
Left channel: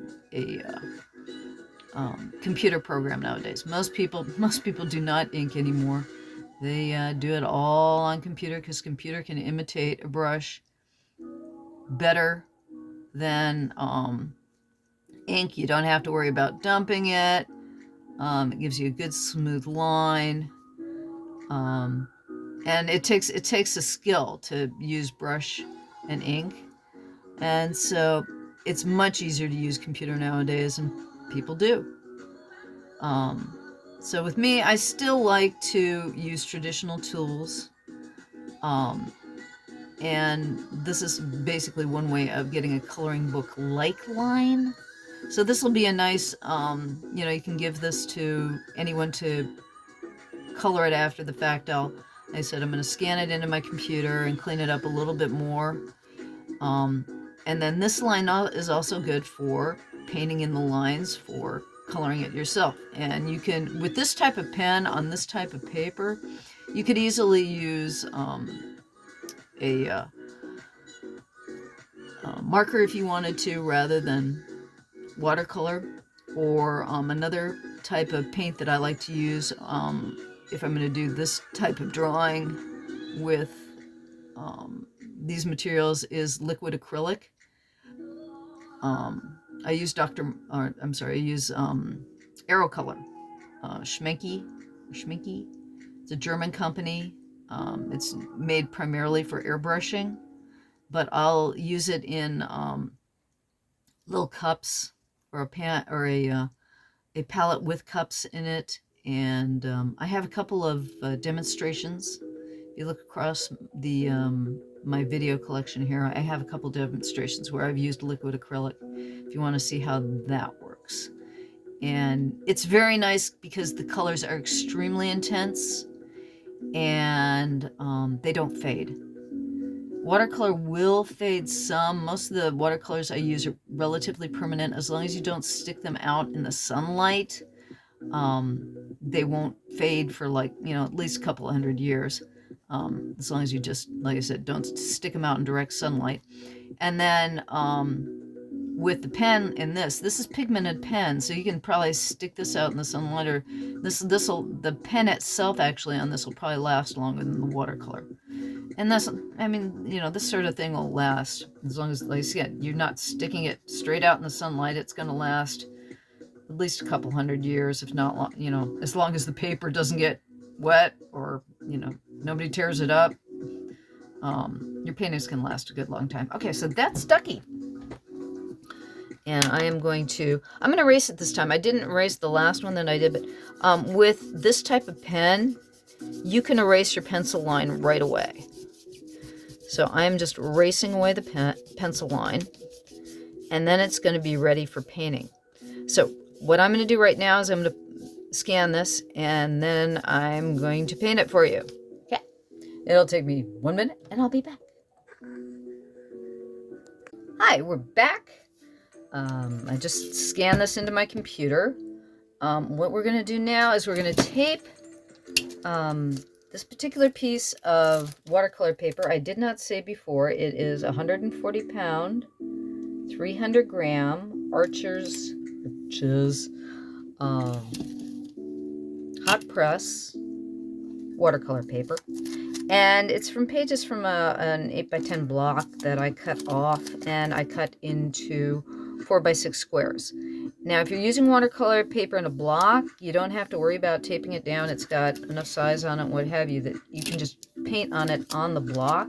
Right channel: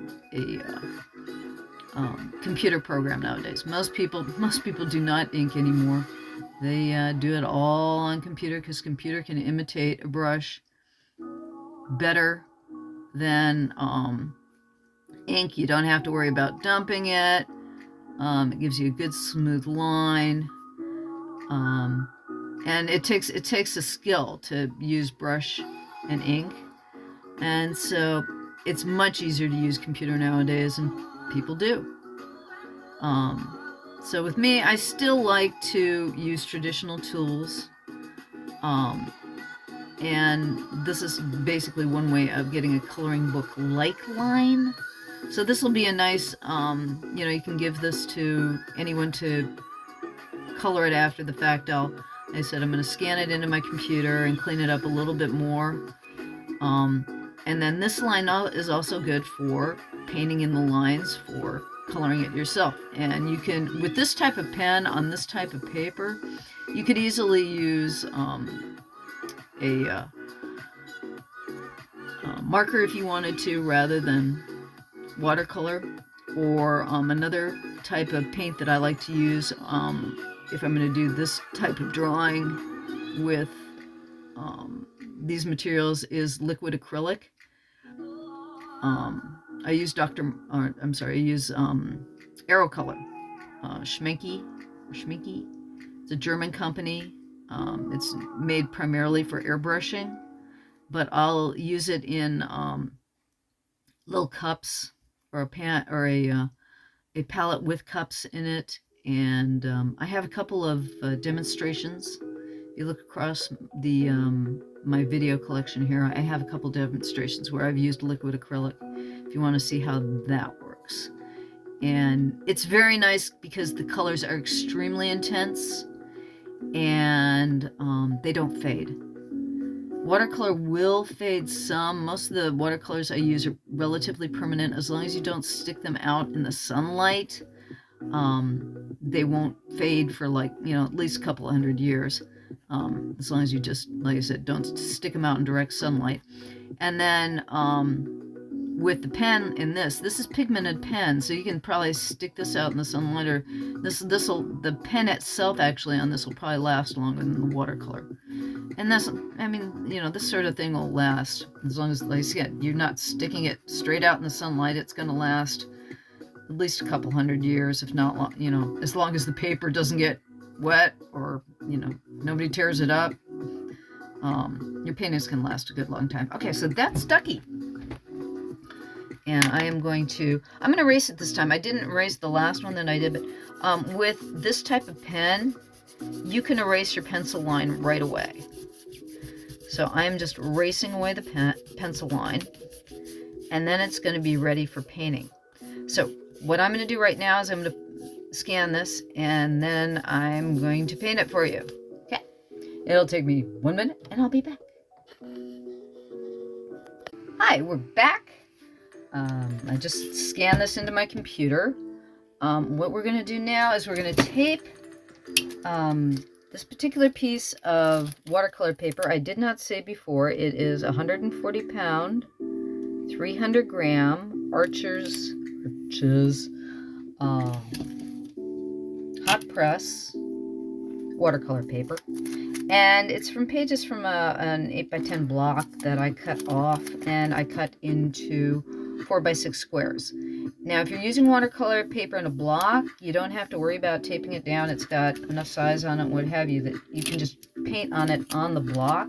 computer program nowadays. Most people do not ink anymore. They do it all on computer, because computer can imitate a brush better than ink. You don't have to worry about dumping it. It gives you a good smooth line. And it takes a skill to use brush and ink. And so it's much easier to use computer nowadays, and people do. So with me, I still like to use traditional tools. And this is basically one way of getting a coloring book-like line. So this will be a nice, you can give this to anyone to color it after the fact. I said I'm going to scan it into my computer and clean it up a little bit more. And then this line is also good for painting in the lines for coloring it yourself. And you can, with this type of pen on this type of paper, you could easily use a marker if you wanted to, rather than watercolor, or another type of paint that I like to use if I'm going to do this type of drawing with these materials is liquid acrylic. I use Aerocolor, Schminky. It's a German company. It's made primarily for airbrushing, but I'll use it in little cups, or a palette with cups in it. And I have a couple of demonstrations. If you look across the my video collection here, I have a couple demonstrations where I've used liquid acrylic, if you want to see how that works. And it's very nice because the colors are extremely intense, and they don't fade. Watercolor will fade some. Most of the watercolors I use are relatively permanent. As long as you don't stick them out in the sunlight, they won't fade for at least a couple of 100 years. As long as you just, like I said, don't stick them out in direct sunlight. And then with the pen in this is pigmented pen, so you can probably stick this out in the sunlight, or the pen itself actually on this will probably last longer than the watercolor. And this sort of thing will last as long as, like I said, you're not sticking it straight out in the sunlight. It's going to last at least a couple 100 years, if not, as long as the paper doesn't get wet, or, nobody tears it up. Your paintings can last a good long time. Okay, so that's Ducky. And I'm going to erase it this time. I didn't erase the last one that I did, but with this type of pen, you can erase your pencil line right away. So I'm just erasing away the pencil line, and then it's going to be ready for painting. So what I'm going to do right now is I'm going to scan this, and then I'm going to paint it for you. Okay. It'll take me 1 minute, and I'll be back. Hi, we're back. I just scanned this into my computer. What we're going to do now is we're going to tape this particular piece of watercolor paper. I did not say before, it is 140 pound, 300 gram Arches hot press watercolor paper. And it's from pages from an 8x10 block that I cut off, and I cut into 4x6 squares. Now, if you're using watercolor paper in a block, you don't have to worry about taping it down. It's got enough size on it, what have you, that you can just paint on it on the block.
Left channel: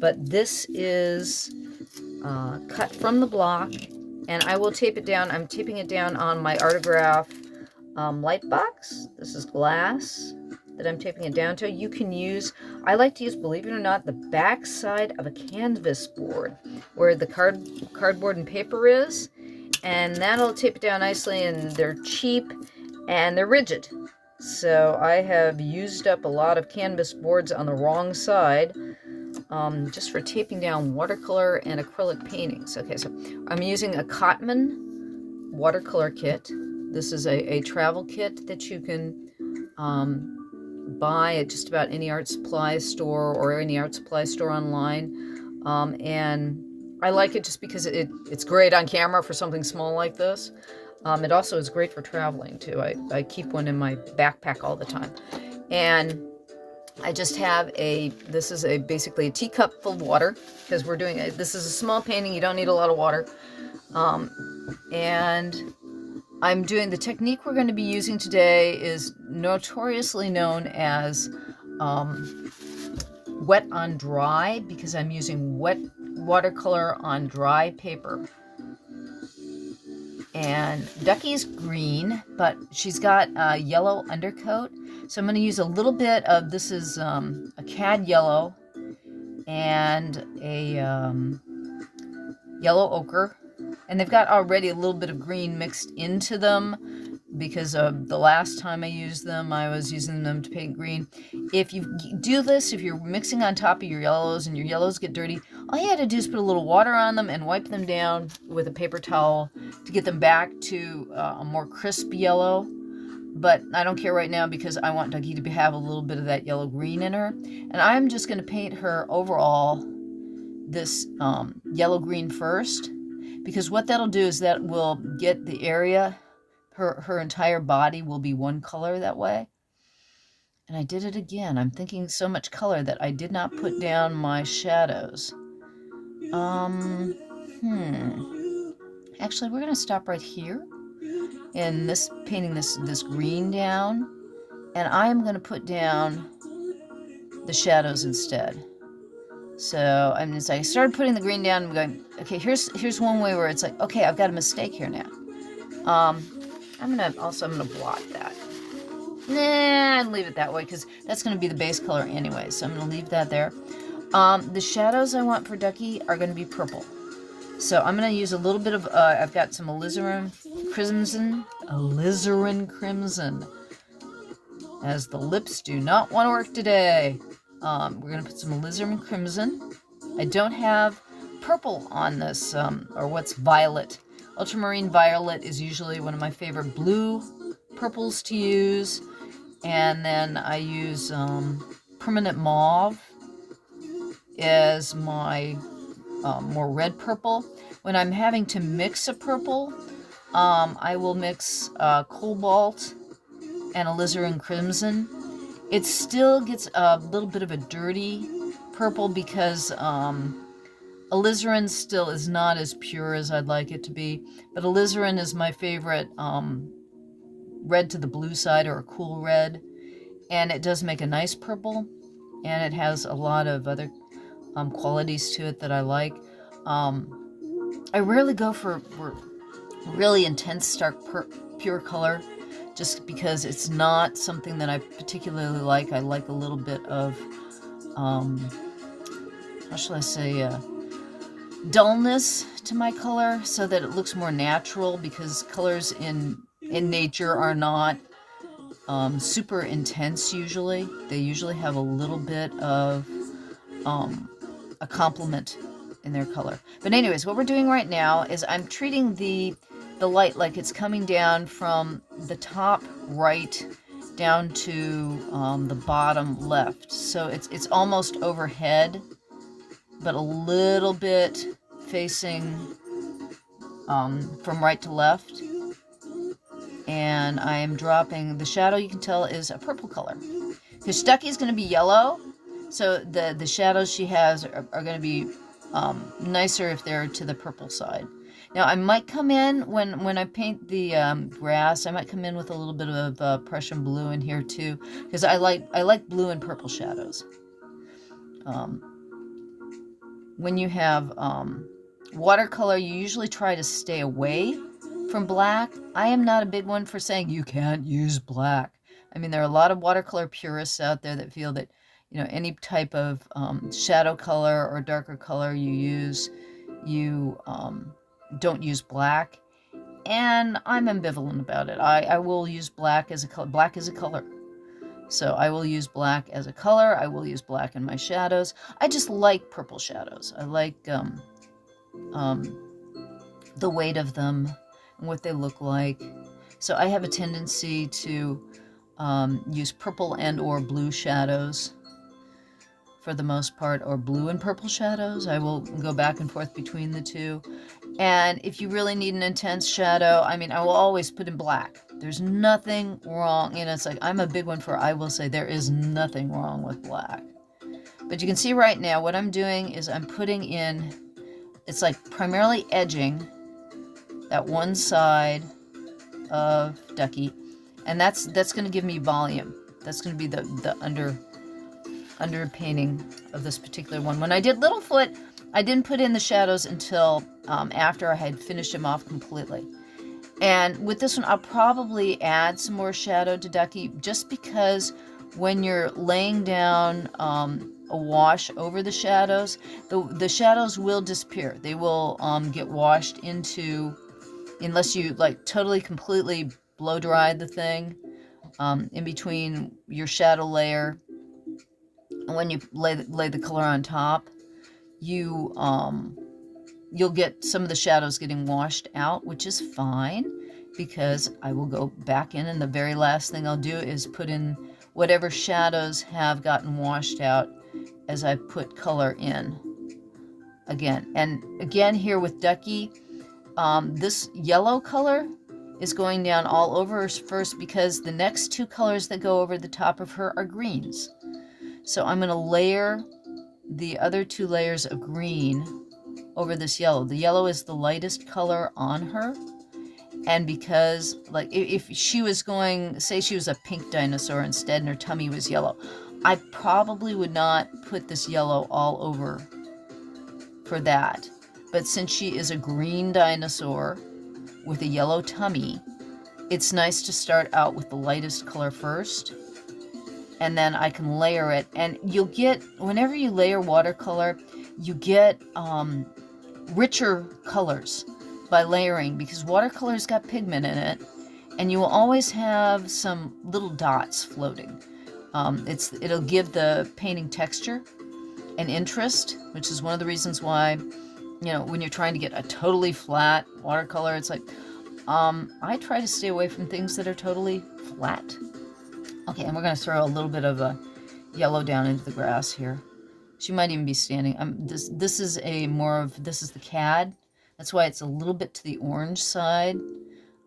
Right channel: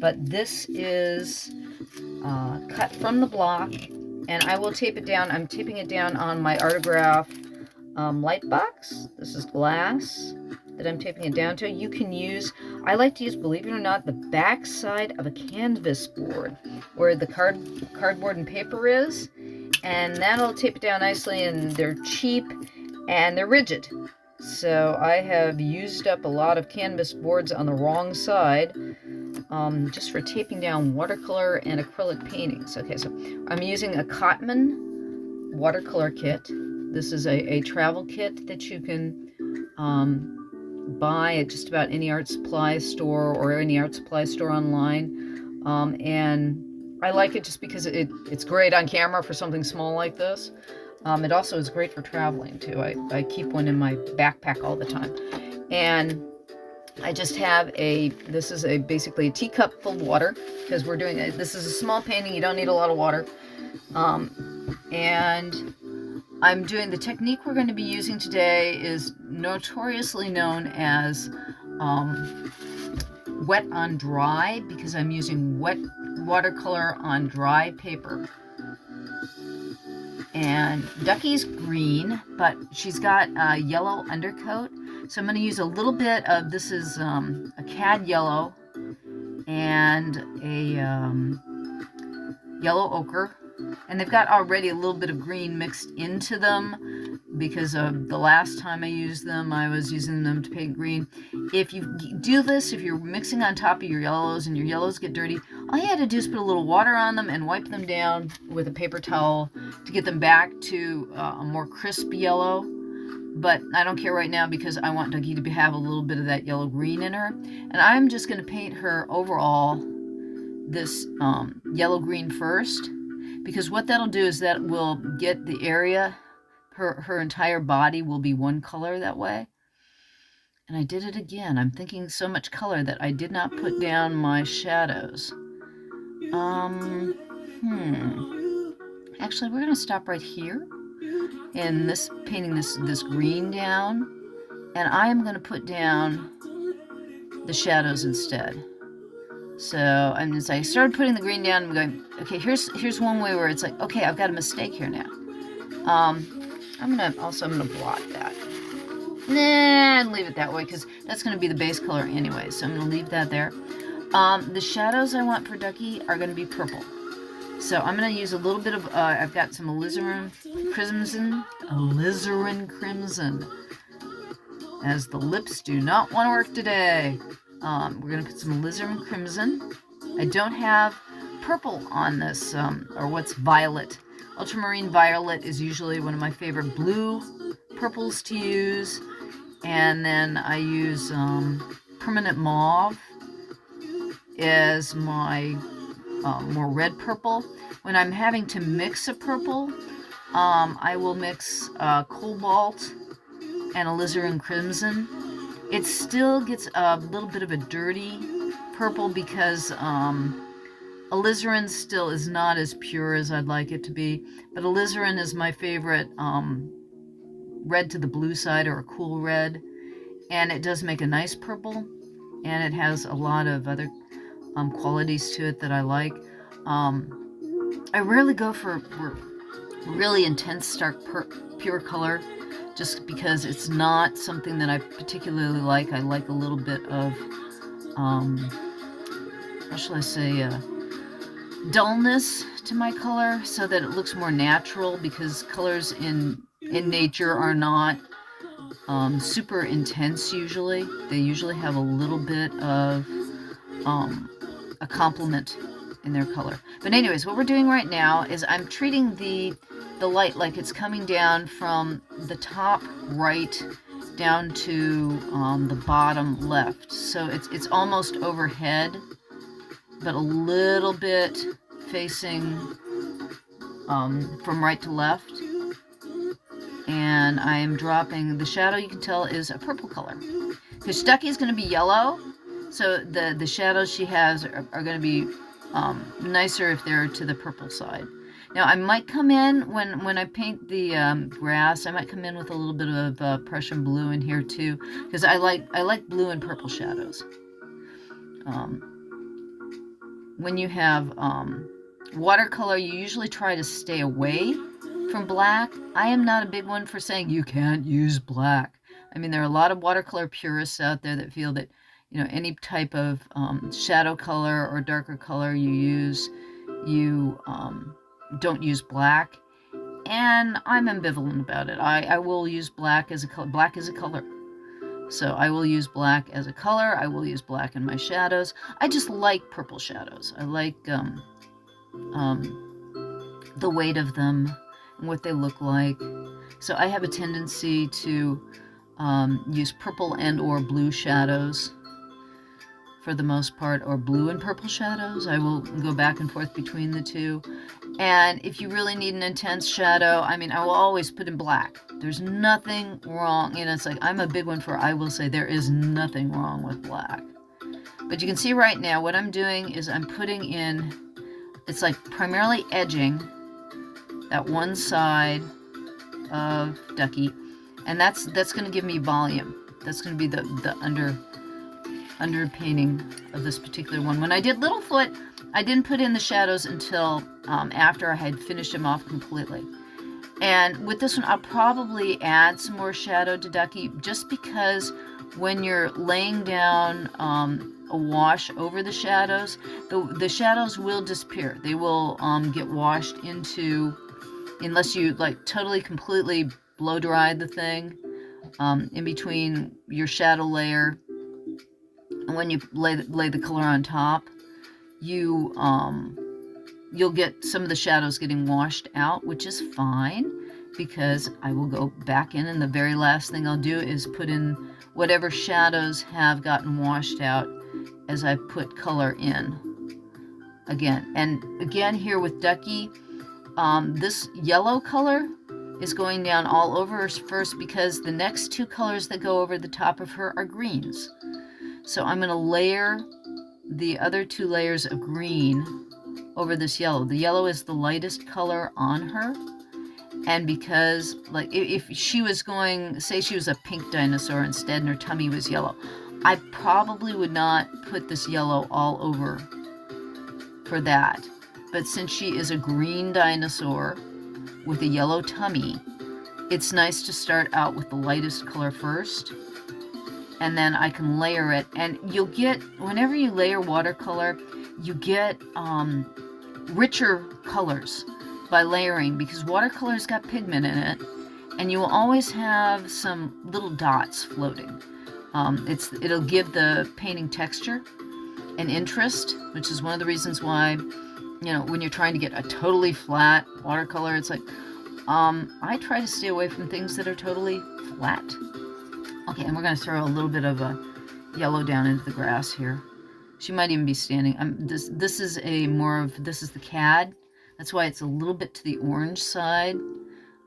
But this is cut from the block, and I will tape it down. I'm taping it down on my Artograph light box. This is glass that I'm taping it down to. You can use, I like to use, believe it or not, the back side of a canvas board where the cardboard and paper is, and that'll tape it down nicely, and they're cheap and they're rigid. So I have used up a lot of canvas boards on the wrong side just for taping down watercolor and acrylic paintings. Okay, so I'm using a Cotman watercolor kit. This is a travel kit that you can buy at just about any art supply store or any art supply store online. And I like it just because it's great on camera for something small like this. It also is great for traveling too. I keep one in my backpack all the time. And I just have this is basically a teacup full of water, because we're doing this is a small painting, you don't need a lot of water. And I'm doing, the technique we're going to be using today is notoriously known as wet on dry, because I'm using wet watercolor on dry paper. And Ducky's green, but she's got a yellow undercoat. So I'm going to use a little bit of, this is a cad yellow and a yellow ochre. And they've got already a little bit of green mixed into them because of the last time I used them, I was using them to paint green. If you do this, if you're mixing on top of your yellows and your yellows get dirty, all you had to do is put a little water on them and wipe them down with a paper towel to get them back to a more crisp yellow. But I don't care right now because I want Ducky to have a little bit of that yellow-green in her. And I'm just going to paint her overall this yellow-green first, because what that'll do is that will get the area, her entire body will be one color that way. And I did it again. I'm thinking so much color that I did not put down my shadows. Actually, we're going to stop right here in this, painting this green down. And I am going to put down the shadows instead. So as I started putting the green down, I'm going, okay, here's one way where it's like, okay, I've got a mistake here now. I'm gonna blot that. Nah, leave it that way because that's gonna be the base color anyway. So I'm gonna leave that there. The shadows I want for Ducky are gonna be purple. So I'm gonna use a little bit of, I've got some alizarin crimson, as the lips do not want to work today. We're going to put some alizarin crimson. I don't have purple on this, or what's violet. Ultramarine violet is usually one of my favorite blue purples to use. And then I use permanent mauve as my more red purple. When I'm having to mix a purple, I will mix cobalt and alizarin crimson. It still gets a little bit of a dirty purple because alizarin still is not as pure as I'd like it to be, but alizarin is my favorite red to the blue side, or a cool red, and it does make a nice purple, and it has a lot of other qualities to it that I like. I rarely go for really intense, stark, pure color, just because it's not something that I particularly like. I like a little bit of, how shall I say, dullness to my color so that it looks more natural, because colors in nature are not super intense usually. They usually have a little bit of a complement in their color. But anyways, what we're doing right now is I'm treating the light like it's coming down from the top right down to the bottom left. So it's almost overhead, but a little bit facing from right to left. And I am dropping the shadow, you can tell, is a purple color, because Ducky's going to be yellow, so the shadows she has are going to be nicer if they're to the purple side. Now I might come in, when I paint the grass, I might come in with a little bit of Prussian blue in here too, because I like blue and purple shadows. When you have watercolor, you usually try to stay away from black. I am not a big one for saying you can't use black. I mean, there are a lot of watercolor purists out there that feel that, you know, any type of shadow color or darker color you use, you don't use black. And I'm ambivalent about it. I will use black as a color. Black is a color. So I will use black as a color. I will use black in my shadows. I just like purple shadows. I like the weight of them and what they look like. So I have a tendency to use purple and or blue shadows for the most part, or blue and purple shadows. I will go back and forth between the two. And if you really need an intense shadow, I mean, I will always put in black. There's nothing wrong. You know, it's like, I'm a big one for, I will say there is nothing wrong with black. But you can see right now what I'm doing is I'm putting in, it's like primarily edging that one side of Ducky, and that's going to give me volume. That's going to be the underpainting of this particular one. When I did Littlefoot, I didn't put in the shadows until after I had finished him off completely. And with this one, I'll probably add some more shadow to Ducky, just because when you're laying down a wash over the shadows, the shadows will disappear. They will get washed into, unless you like totally completely blow dry the thing in between your shadow layer and when you lay the color on top, you'll get some of the shadows getting washed out, which is fine, because I will go back in, and the very last thing I'll do is put in whatever shadows have gotten washed out as I put color in again. And again, here with Ducky, this yellow color is going down all over her first, because the next two colors that go over the top of her are greens. So I'm going to layer the other two layers of green over this yellow. The yellow is the lightest color on her. And because, like, if she was going, say she was a pink dinosaur instead and her tummy was yellow, I probably would not put this yellow all over for that. But since she is a green dinosaur with a yellow tummy, it's nice to start out with the lightest color first, and then I can layer it. And you'll get, whenever you layer watercolor, you get richer colors by layering, because watercolor's got pigment in it, and you will always have some little dots floating. It'll give the painting texture and interest, which is one of the reasons why, you know, when you're trying to get a totally flat watercolor, it's like, I try to stay away from things that are totally flat. Okay, and we're going to throw a little bit of a yellow down into the grass here. She might even be standing. This is the CAD. That's why it's a little bit to the orange side.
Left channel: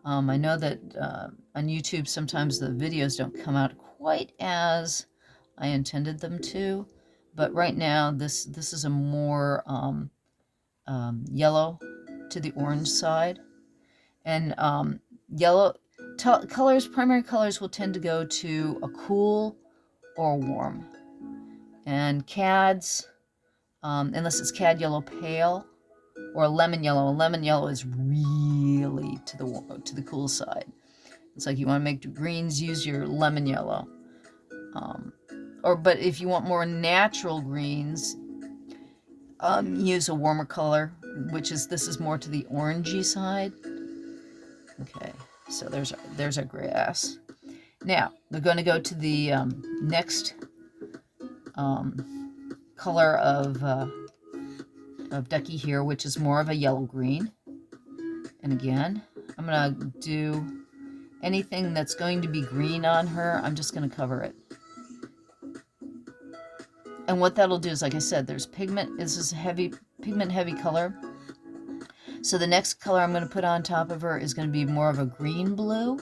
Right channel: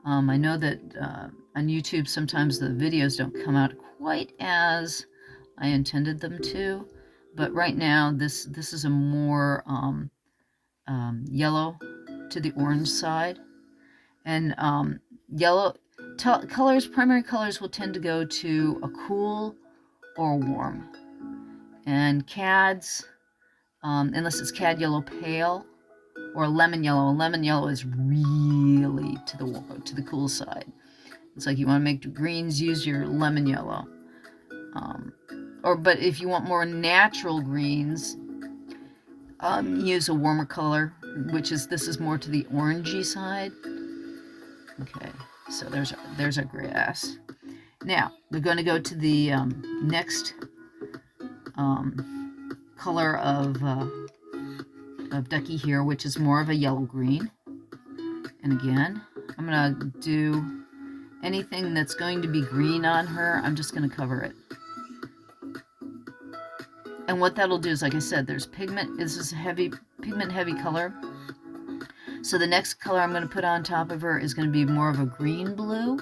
I know that on YouTube sometimes the videos don't come out quite as I intended them to, but right now this is a more yellow to the orange side. And yellow primary colors will tend to go to a cool or a warm. And CADs, unless it's CAD yellow pale or lemon yellow is really to the cool side. It's like you want to make greens, use your lemon yellow. But if you want more natural greens, use a warmer color, this is more to the orangey side. Okay, so there's our grass. Now we're going to go to the next color of Ducky here, which is more of a yellow green. And again, I'm going to do anything that's going to be green on her, I'm just going to cover it. And what that'll do is, like I said, there's pigment. This is a pigment heavy color. So the next color I'm going to put on top of her is going to be more of a green blue.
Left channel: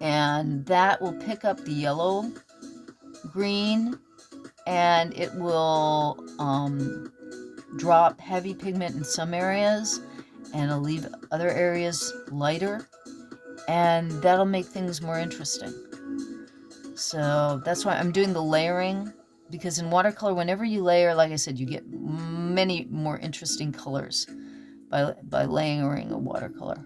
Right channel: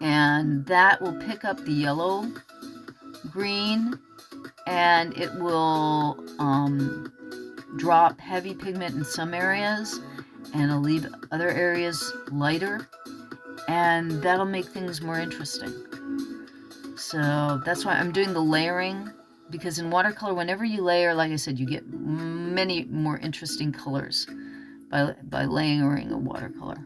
And that will pick up the yellow green, and it will drop heavy pigment in some areas, and it'll leave other areas lighter, and that'll make things more interesting. So that's why I'm doing the layering, because in watercolor, whenever you layer, like I said, you get many more interesting colors by layering a watercolor.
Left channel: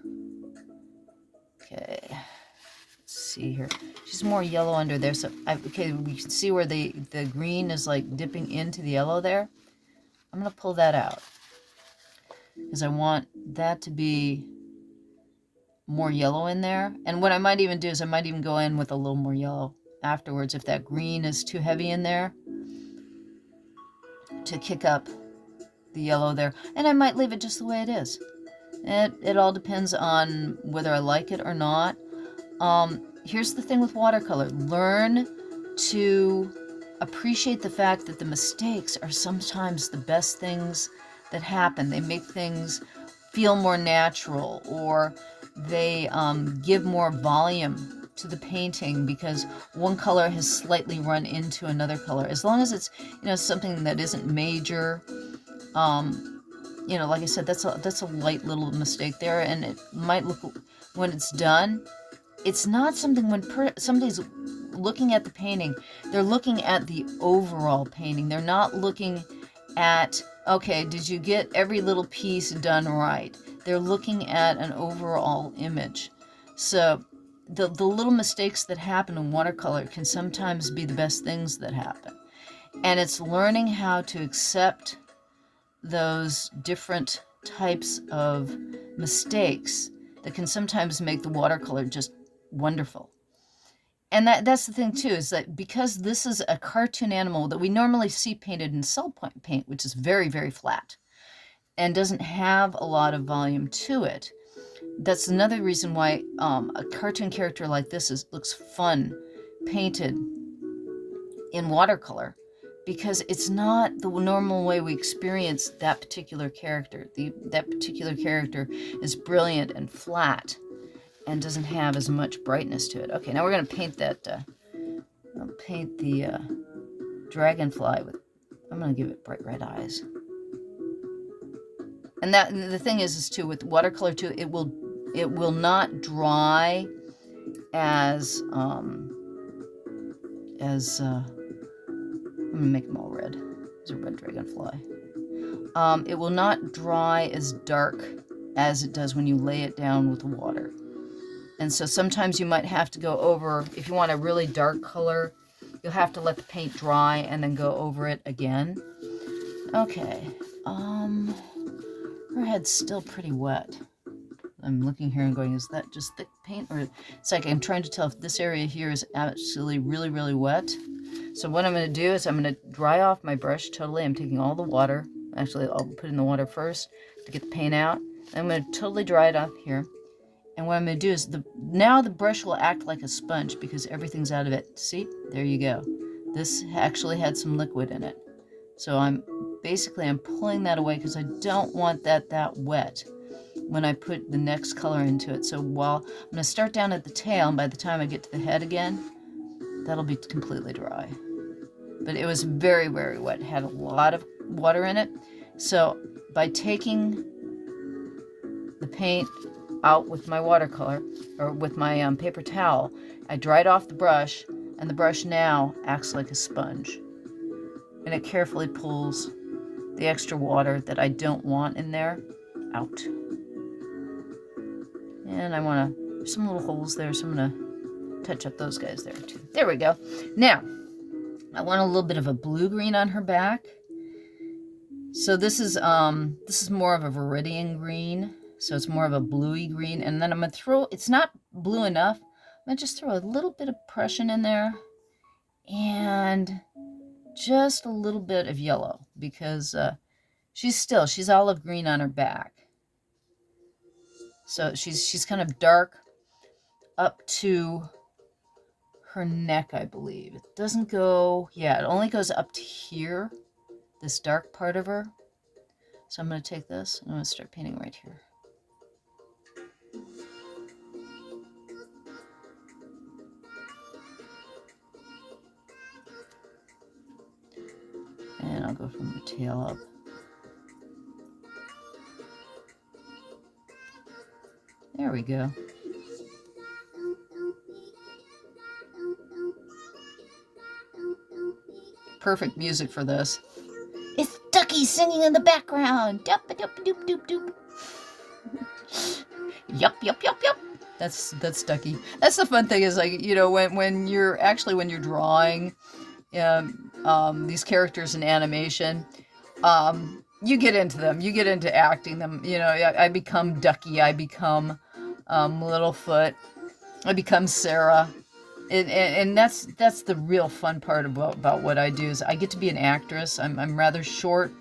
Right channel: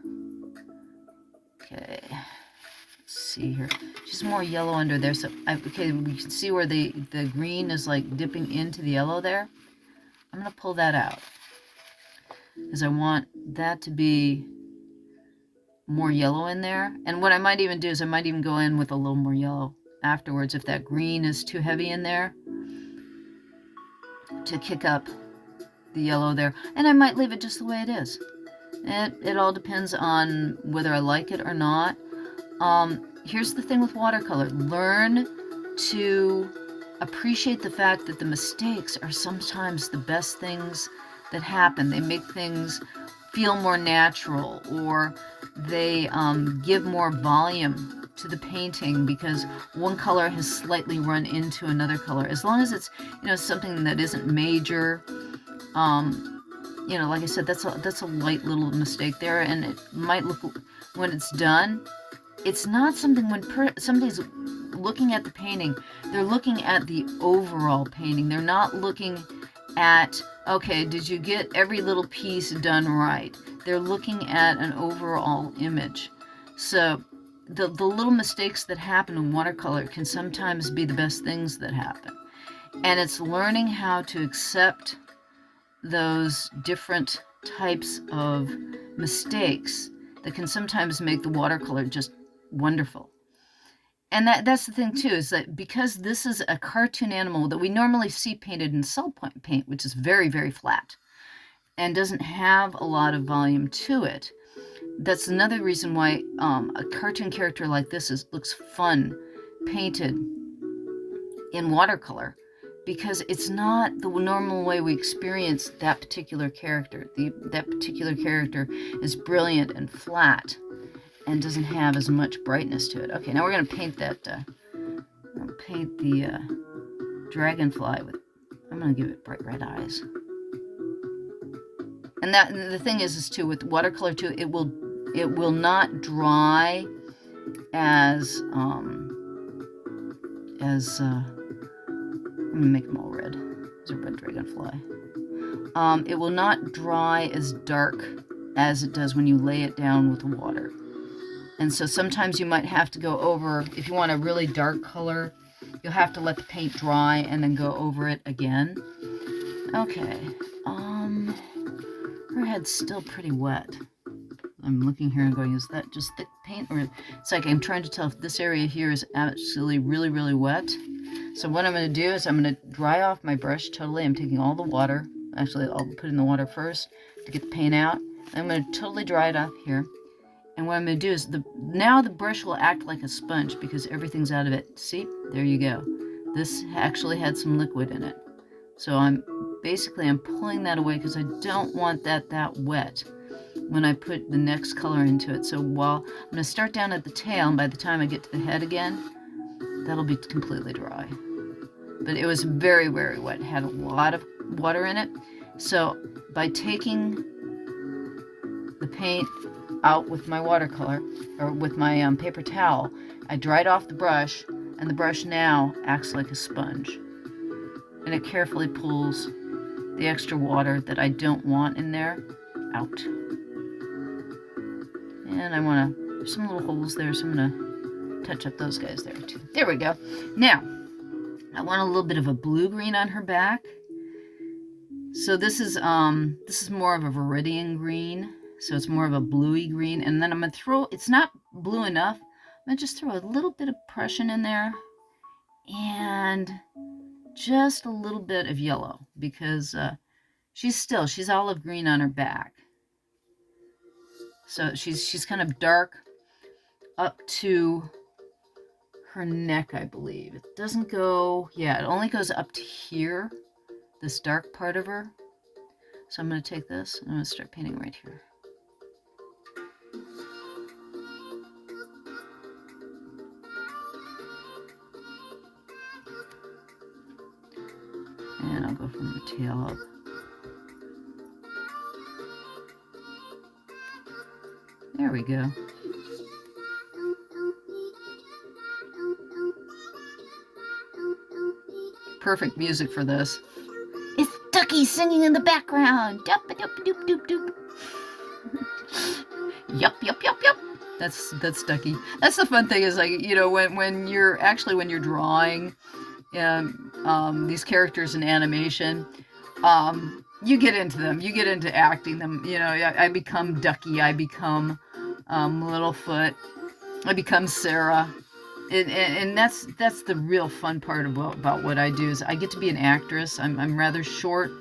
Okay, let's see here. She's more yellow under there, so okay, we can see where the green is like dipping into the yellow there. I'm gonna pull that out because I want that to be more yellow in there. And what I might even do is I might even go in with a little more yellow afterwards if that green is too heavy in there, to kick up the yellow there. And I might leave it just the way it is. It all depends on whether I like it or not. Here's the thing with watercolor. Learn to appreciate the fact that the mistakes are sometimes the best things that happen. They make things feel more natural, or they give more volume to the painting because one color has slightly run into another color. As long as it's, something that isn't major, like I said, that's a light little mistake there, and it might look, when it's done, it's not something when somebody's looking at the painting, they're looking at the overall painting. They're not looking at, okay, did you get every little piece done right? They're looking at an overall image. So the little mistakes that happen in watercolor can sometimes be the best things that happen. And it's learning how to accept those different types of mistakes that can sometimes make the watercolor just wonderful. And that's the thing too, is that because this is a cartoon animal that we normally see painted in cell point paint, which is very, very flat and doesn't have a lot of volume to it, that's another reason why a cartoon character like this looks fun painted in watercolor, because it's not the normal way we experience that particular character. That particular character is brilliant and flat and doesn't have as much brightness to it. Okay, now we're going to paint that, paint the dragonfly with, I'm going to give it bright red eyes. And the thing is too, with watercolor too, it will not dry as I'm gonna make them all red. There's a red dragonfly. It will not dry as dark as it does when you lay it down with water. And so sometimes you might have to go over, if you want a really dark color, you'll have to let the paint dry and then go over it again. Okay, her head's still pretty wet. I'm looking here and going, is that just thick paint? Or it's like I'm trying to tell if this area here is actually really, really wet. So what I'm going to do is I'm going to dry off my brush totally. I'm taking all the water. Actually, I'll put in the water first to get the paint out. I'm going to totally dry it off here. And what I'm going to do is, now the brush will act like a sponge because everything's out of it. See? There you go. This actually had some liquid in it. So I'm pulling that away because I don't want that wet when I put the next color into it. So while I'm going to start down at the tail, and by the time I get to the head again, that'll be completely dry. But it was very, very wet. It had a lot of water in it. So by taking the paint out with my watercolor, or with my paper towel, I dried off the brush, and the brush now acts like a sponge. And it carefully pulls the extra water that I don't want in there out. And I want to, there's some little holes there, so I'm going to touch up those guys there too. There we go. Now, I want a little bit of a blue-green on her back. So this is more of a viridian green, so it's more of a bluey green. And then I'm going to throw, it's not blue enough, I'm going to just throw a little bit of Prussian in there and just a little bit of yellow, because she's olive green on her back. So she's kind of dark up to her neck, I believe. It doesn't go, yeah, it only goes up to here, this dark part of her. So I'm going to take this and I'm going to start painting right here. And I'll go from the tail up. There we go. Perfect music for this. It's Ducky singing in the background. Doop doop doop doop doop. Yup yup yup yup. That's Ducky. That's the fun thing, is like, you know, when you're drawing these characters in animation, you get into them. You get into acting them. You know, I become Ducky. I become Littlefoot. I become Sarah. And that's the real fun part about what I do, is I get to be an actress. I'm rather short.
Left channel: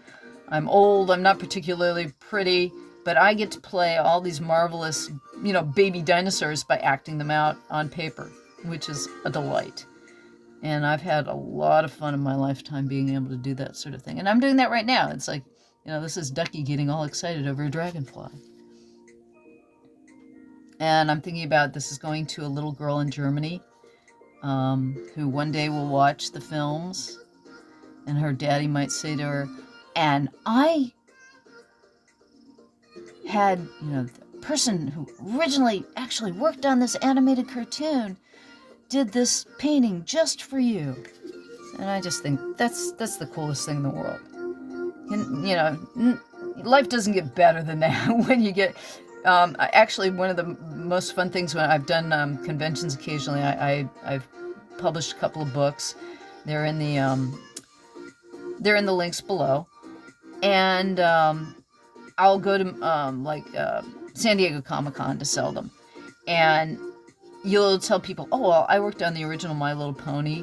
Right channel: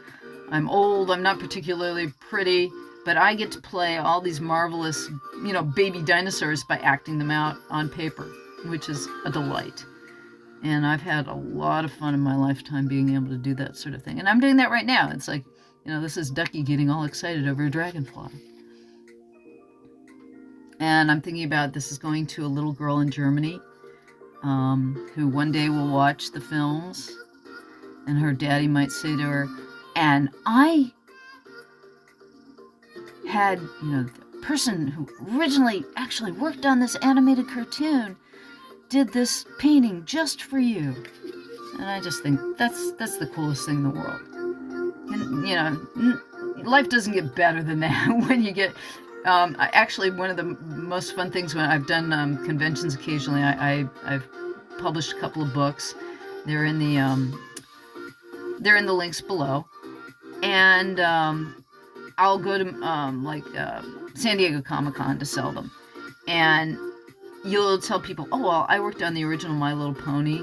I'm old. I'm not particularly pretty, but I get to play all these marvelous, you know, baby dinosaurs by acting them out on paper, which is a delight. And I've had a lot of fun in my lifetime being able to do that sort of thing. And I'm doing that right now. It's like, you know, this is Ducky getting all excited over a dragonfly. And I'm thinking about, this is going to a little girl in Germany who one day will watch the films, and her daddy might say to her, and I had, you know, the person who originally actually worked on this animated cartoon did this painting just for you. And I just think that's the coolest thing in the world. And, you know, life doesn't get better than that when you get. Actually, one of the most fun things when I've done conventions occasionally, I've published a couple of books. They're in the links below, and I'll go to San Diego Comic-Con to sell them, and you'll tell people, "Oh well, I worked on the original My Little Pony,"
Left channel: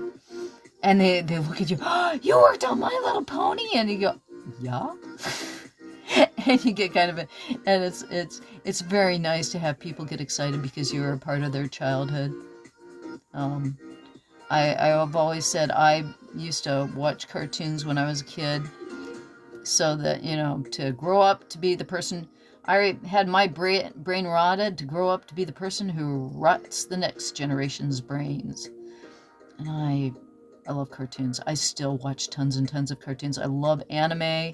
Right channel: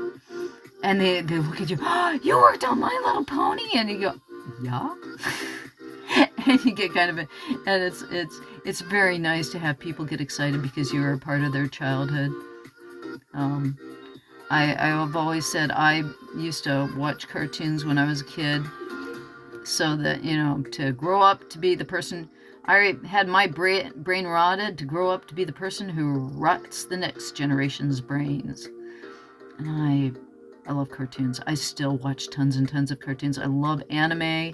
and they look at you, "Oh, you worked on My Little Pony," and you go, "Yeah." And you get kind of and it's very nice to have people get excited because you're a part of their childhood. I've always said I used to watch cartoons when I was a kid, so that, you know, to grow up to be the person. I had my brain rotted to grow up to be the person who rots the next generation's brains. And I love cartoons. I still watch tons and tons of cartoons. I love anime.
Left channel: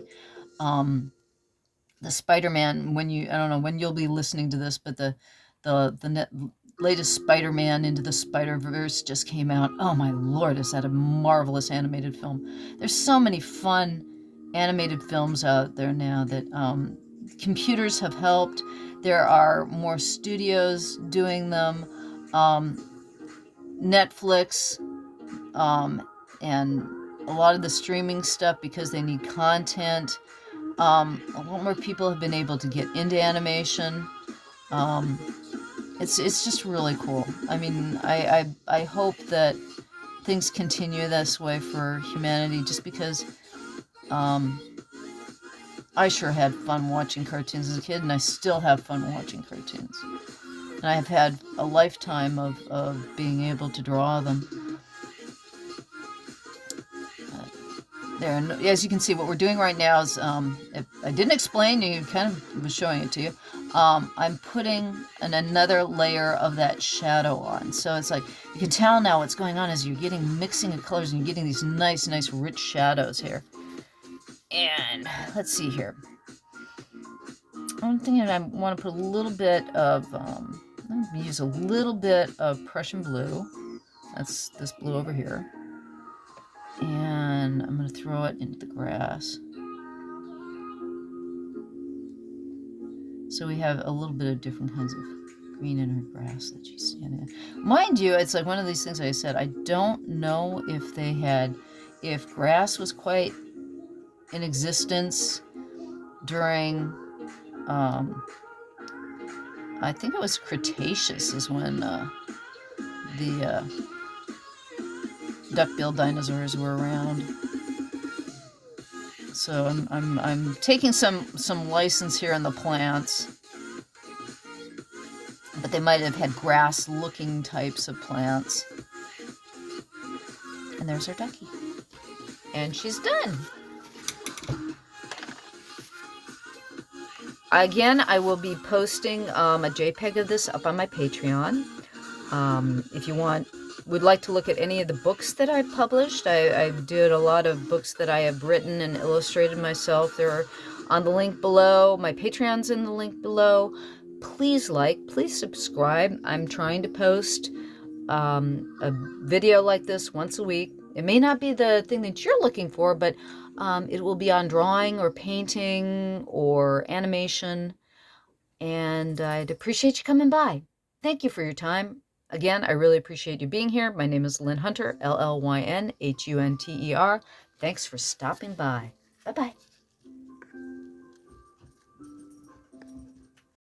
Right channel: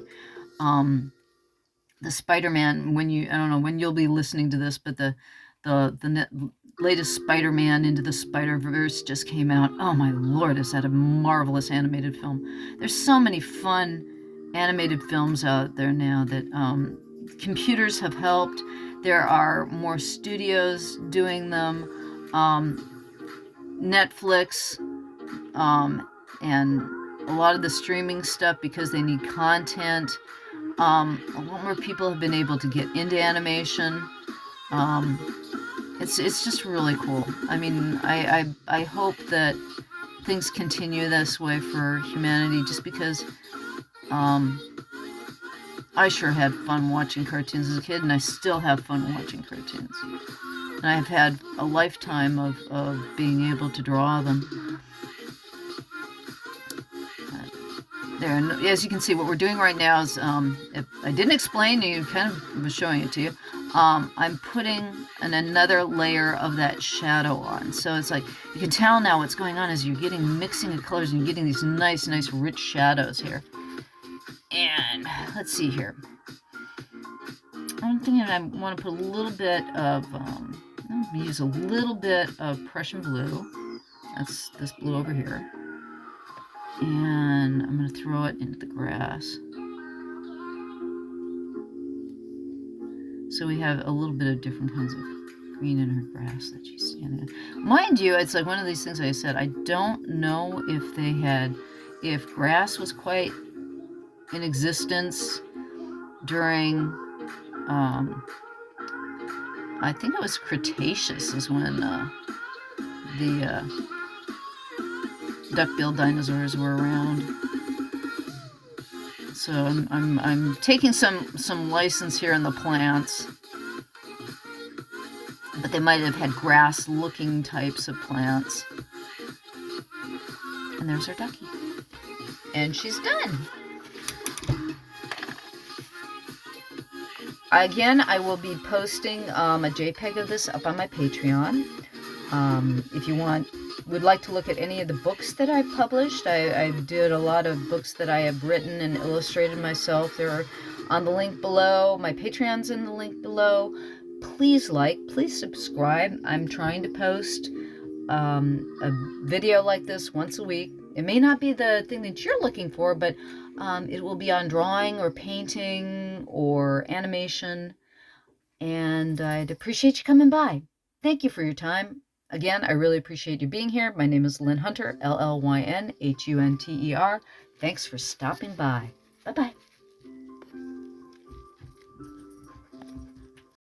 The Spider-Man, I don't know when you'll be listening to this, but the latest Spider-Man Into the Spider-Verse just came out. Oh my Lord, is that a marvelous animated film? There's so many fun animated films out there now that computers have helped. There are more studios doing them. Netflix and a lot of the streaming stuff, because they need content. A lot more people have been able to get into animation. It's just really cool. I mean, I hope that things continue this way for humanity, just because I sure had fun watching cartoons as a kid, and I still have fun watching cartoons. And I've had a lifetime of being able to draw them. There, and as you can see, what we're doing right now is, if I didn't explain, you kind of was showing it to you. I'm putting another layer of that shadow on. So it's like, you can tell now what's going on is you're getting mixing of colors and you're getting these nice rich shadows here. And let's see here. I'm thinking I want to put a little bit of, I'm going to use a little bit of Prussian blue. That's this blue over here. And I'm going to throw it into the grass. So we have a little bit of different kinds of green in her grass that she's standing in. Mind you, it's like one of these things I said, I don't know if grass was quite in existence during, I think it was Cretaceous is when the duck-billed dinosaurs were around. So I'm taking some license here in the plants, but they might have had grass-looking types of plants. And there's our ducky, and she's done. Again, I will be posting a JPEG of this up on my Patreon. If you would like to look at any of the books that I've published, I did a lot of books that I have written and illustrated myself. They're on the link below. My Patreon's in the link below. Please please subscribe. I'm trying to post a video like this once a week. It may not be the thing that you're looking for, but it will be on drawing or painting or animation. And I'd appreciate you coming by. Thank you for your time. Again, I really appreciate you being here. My name is Llyn Hunter, Llynhunter. Thanks for stopping by. Bye-bye.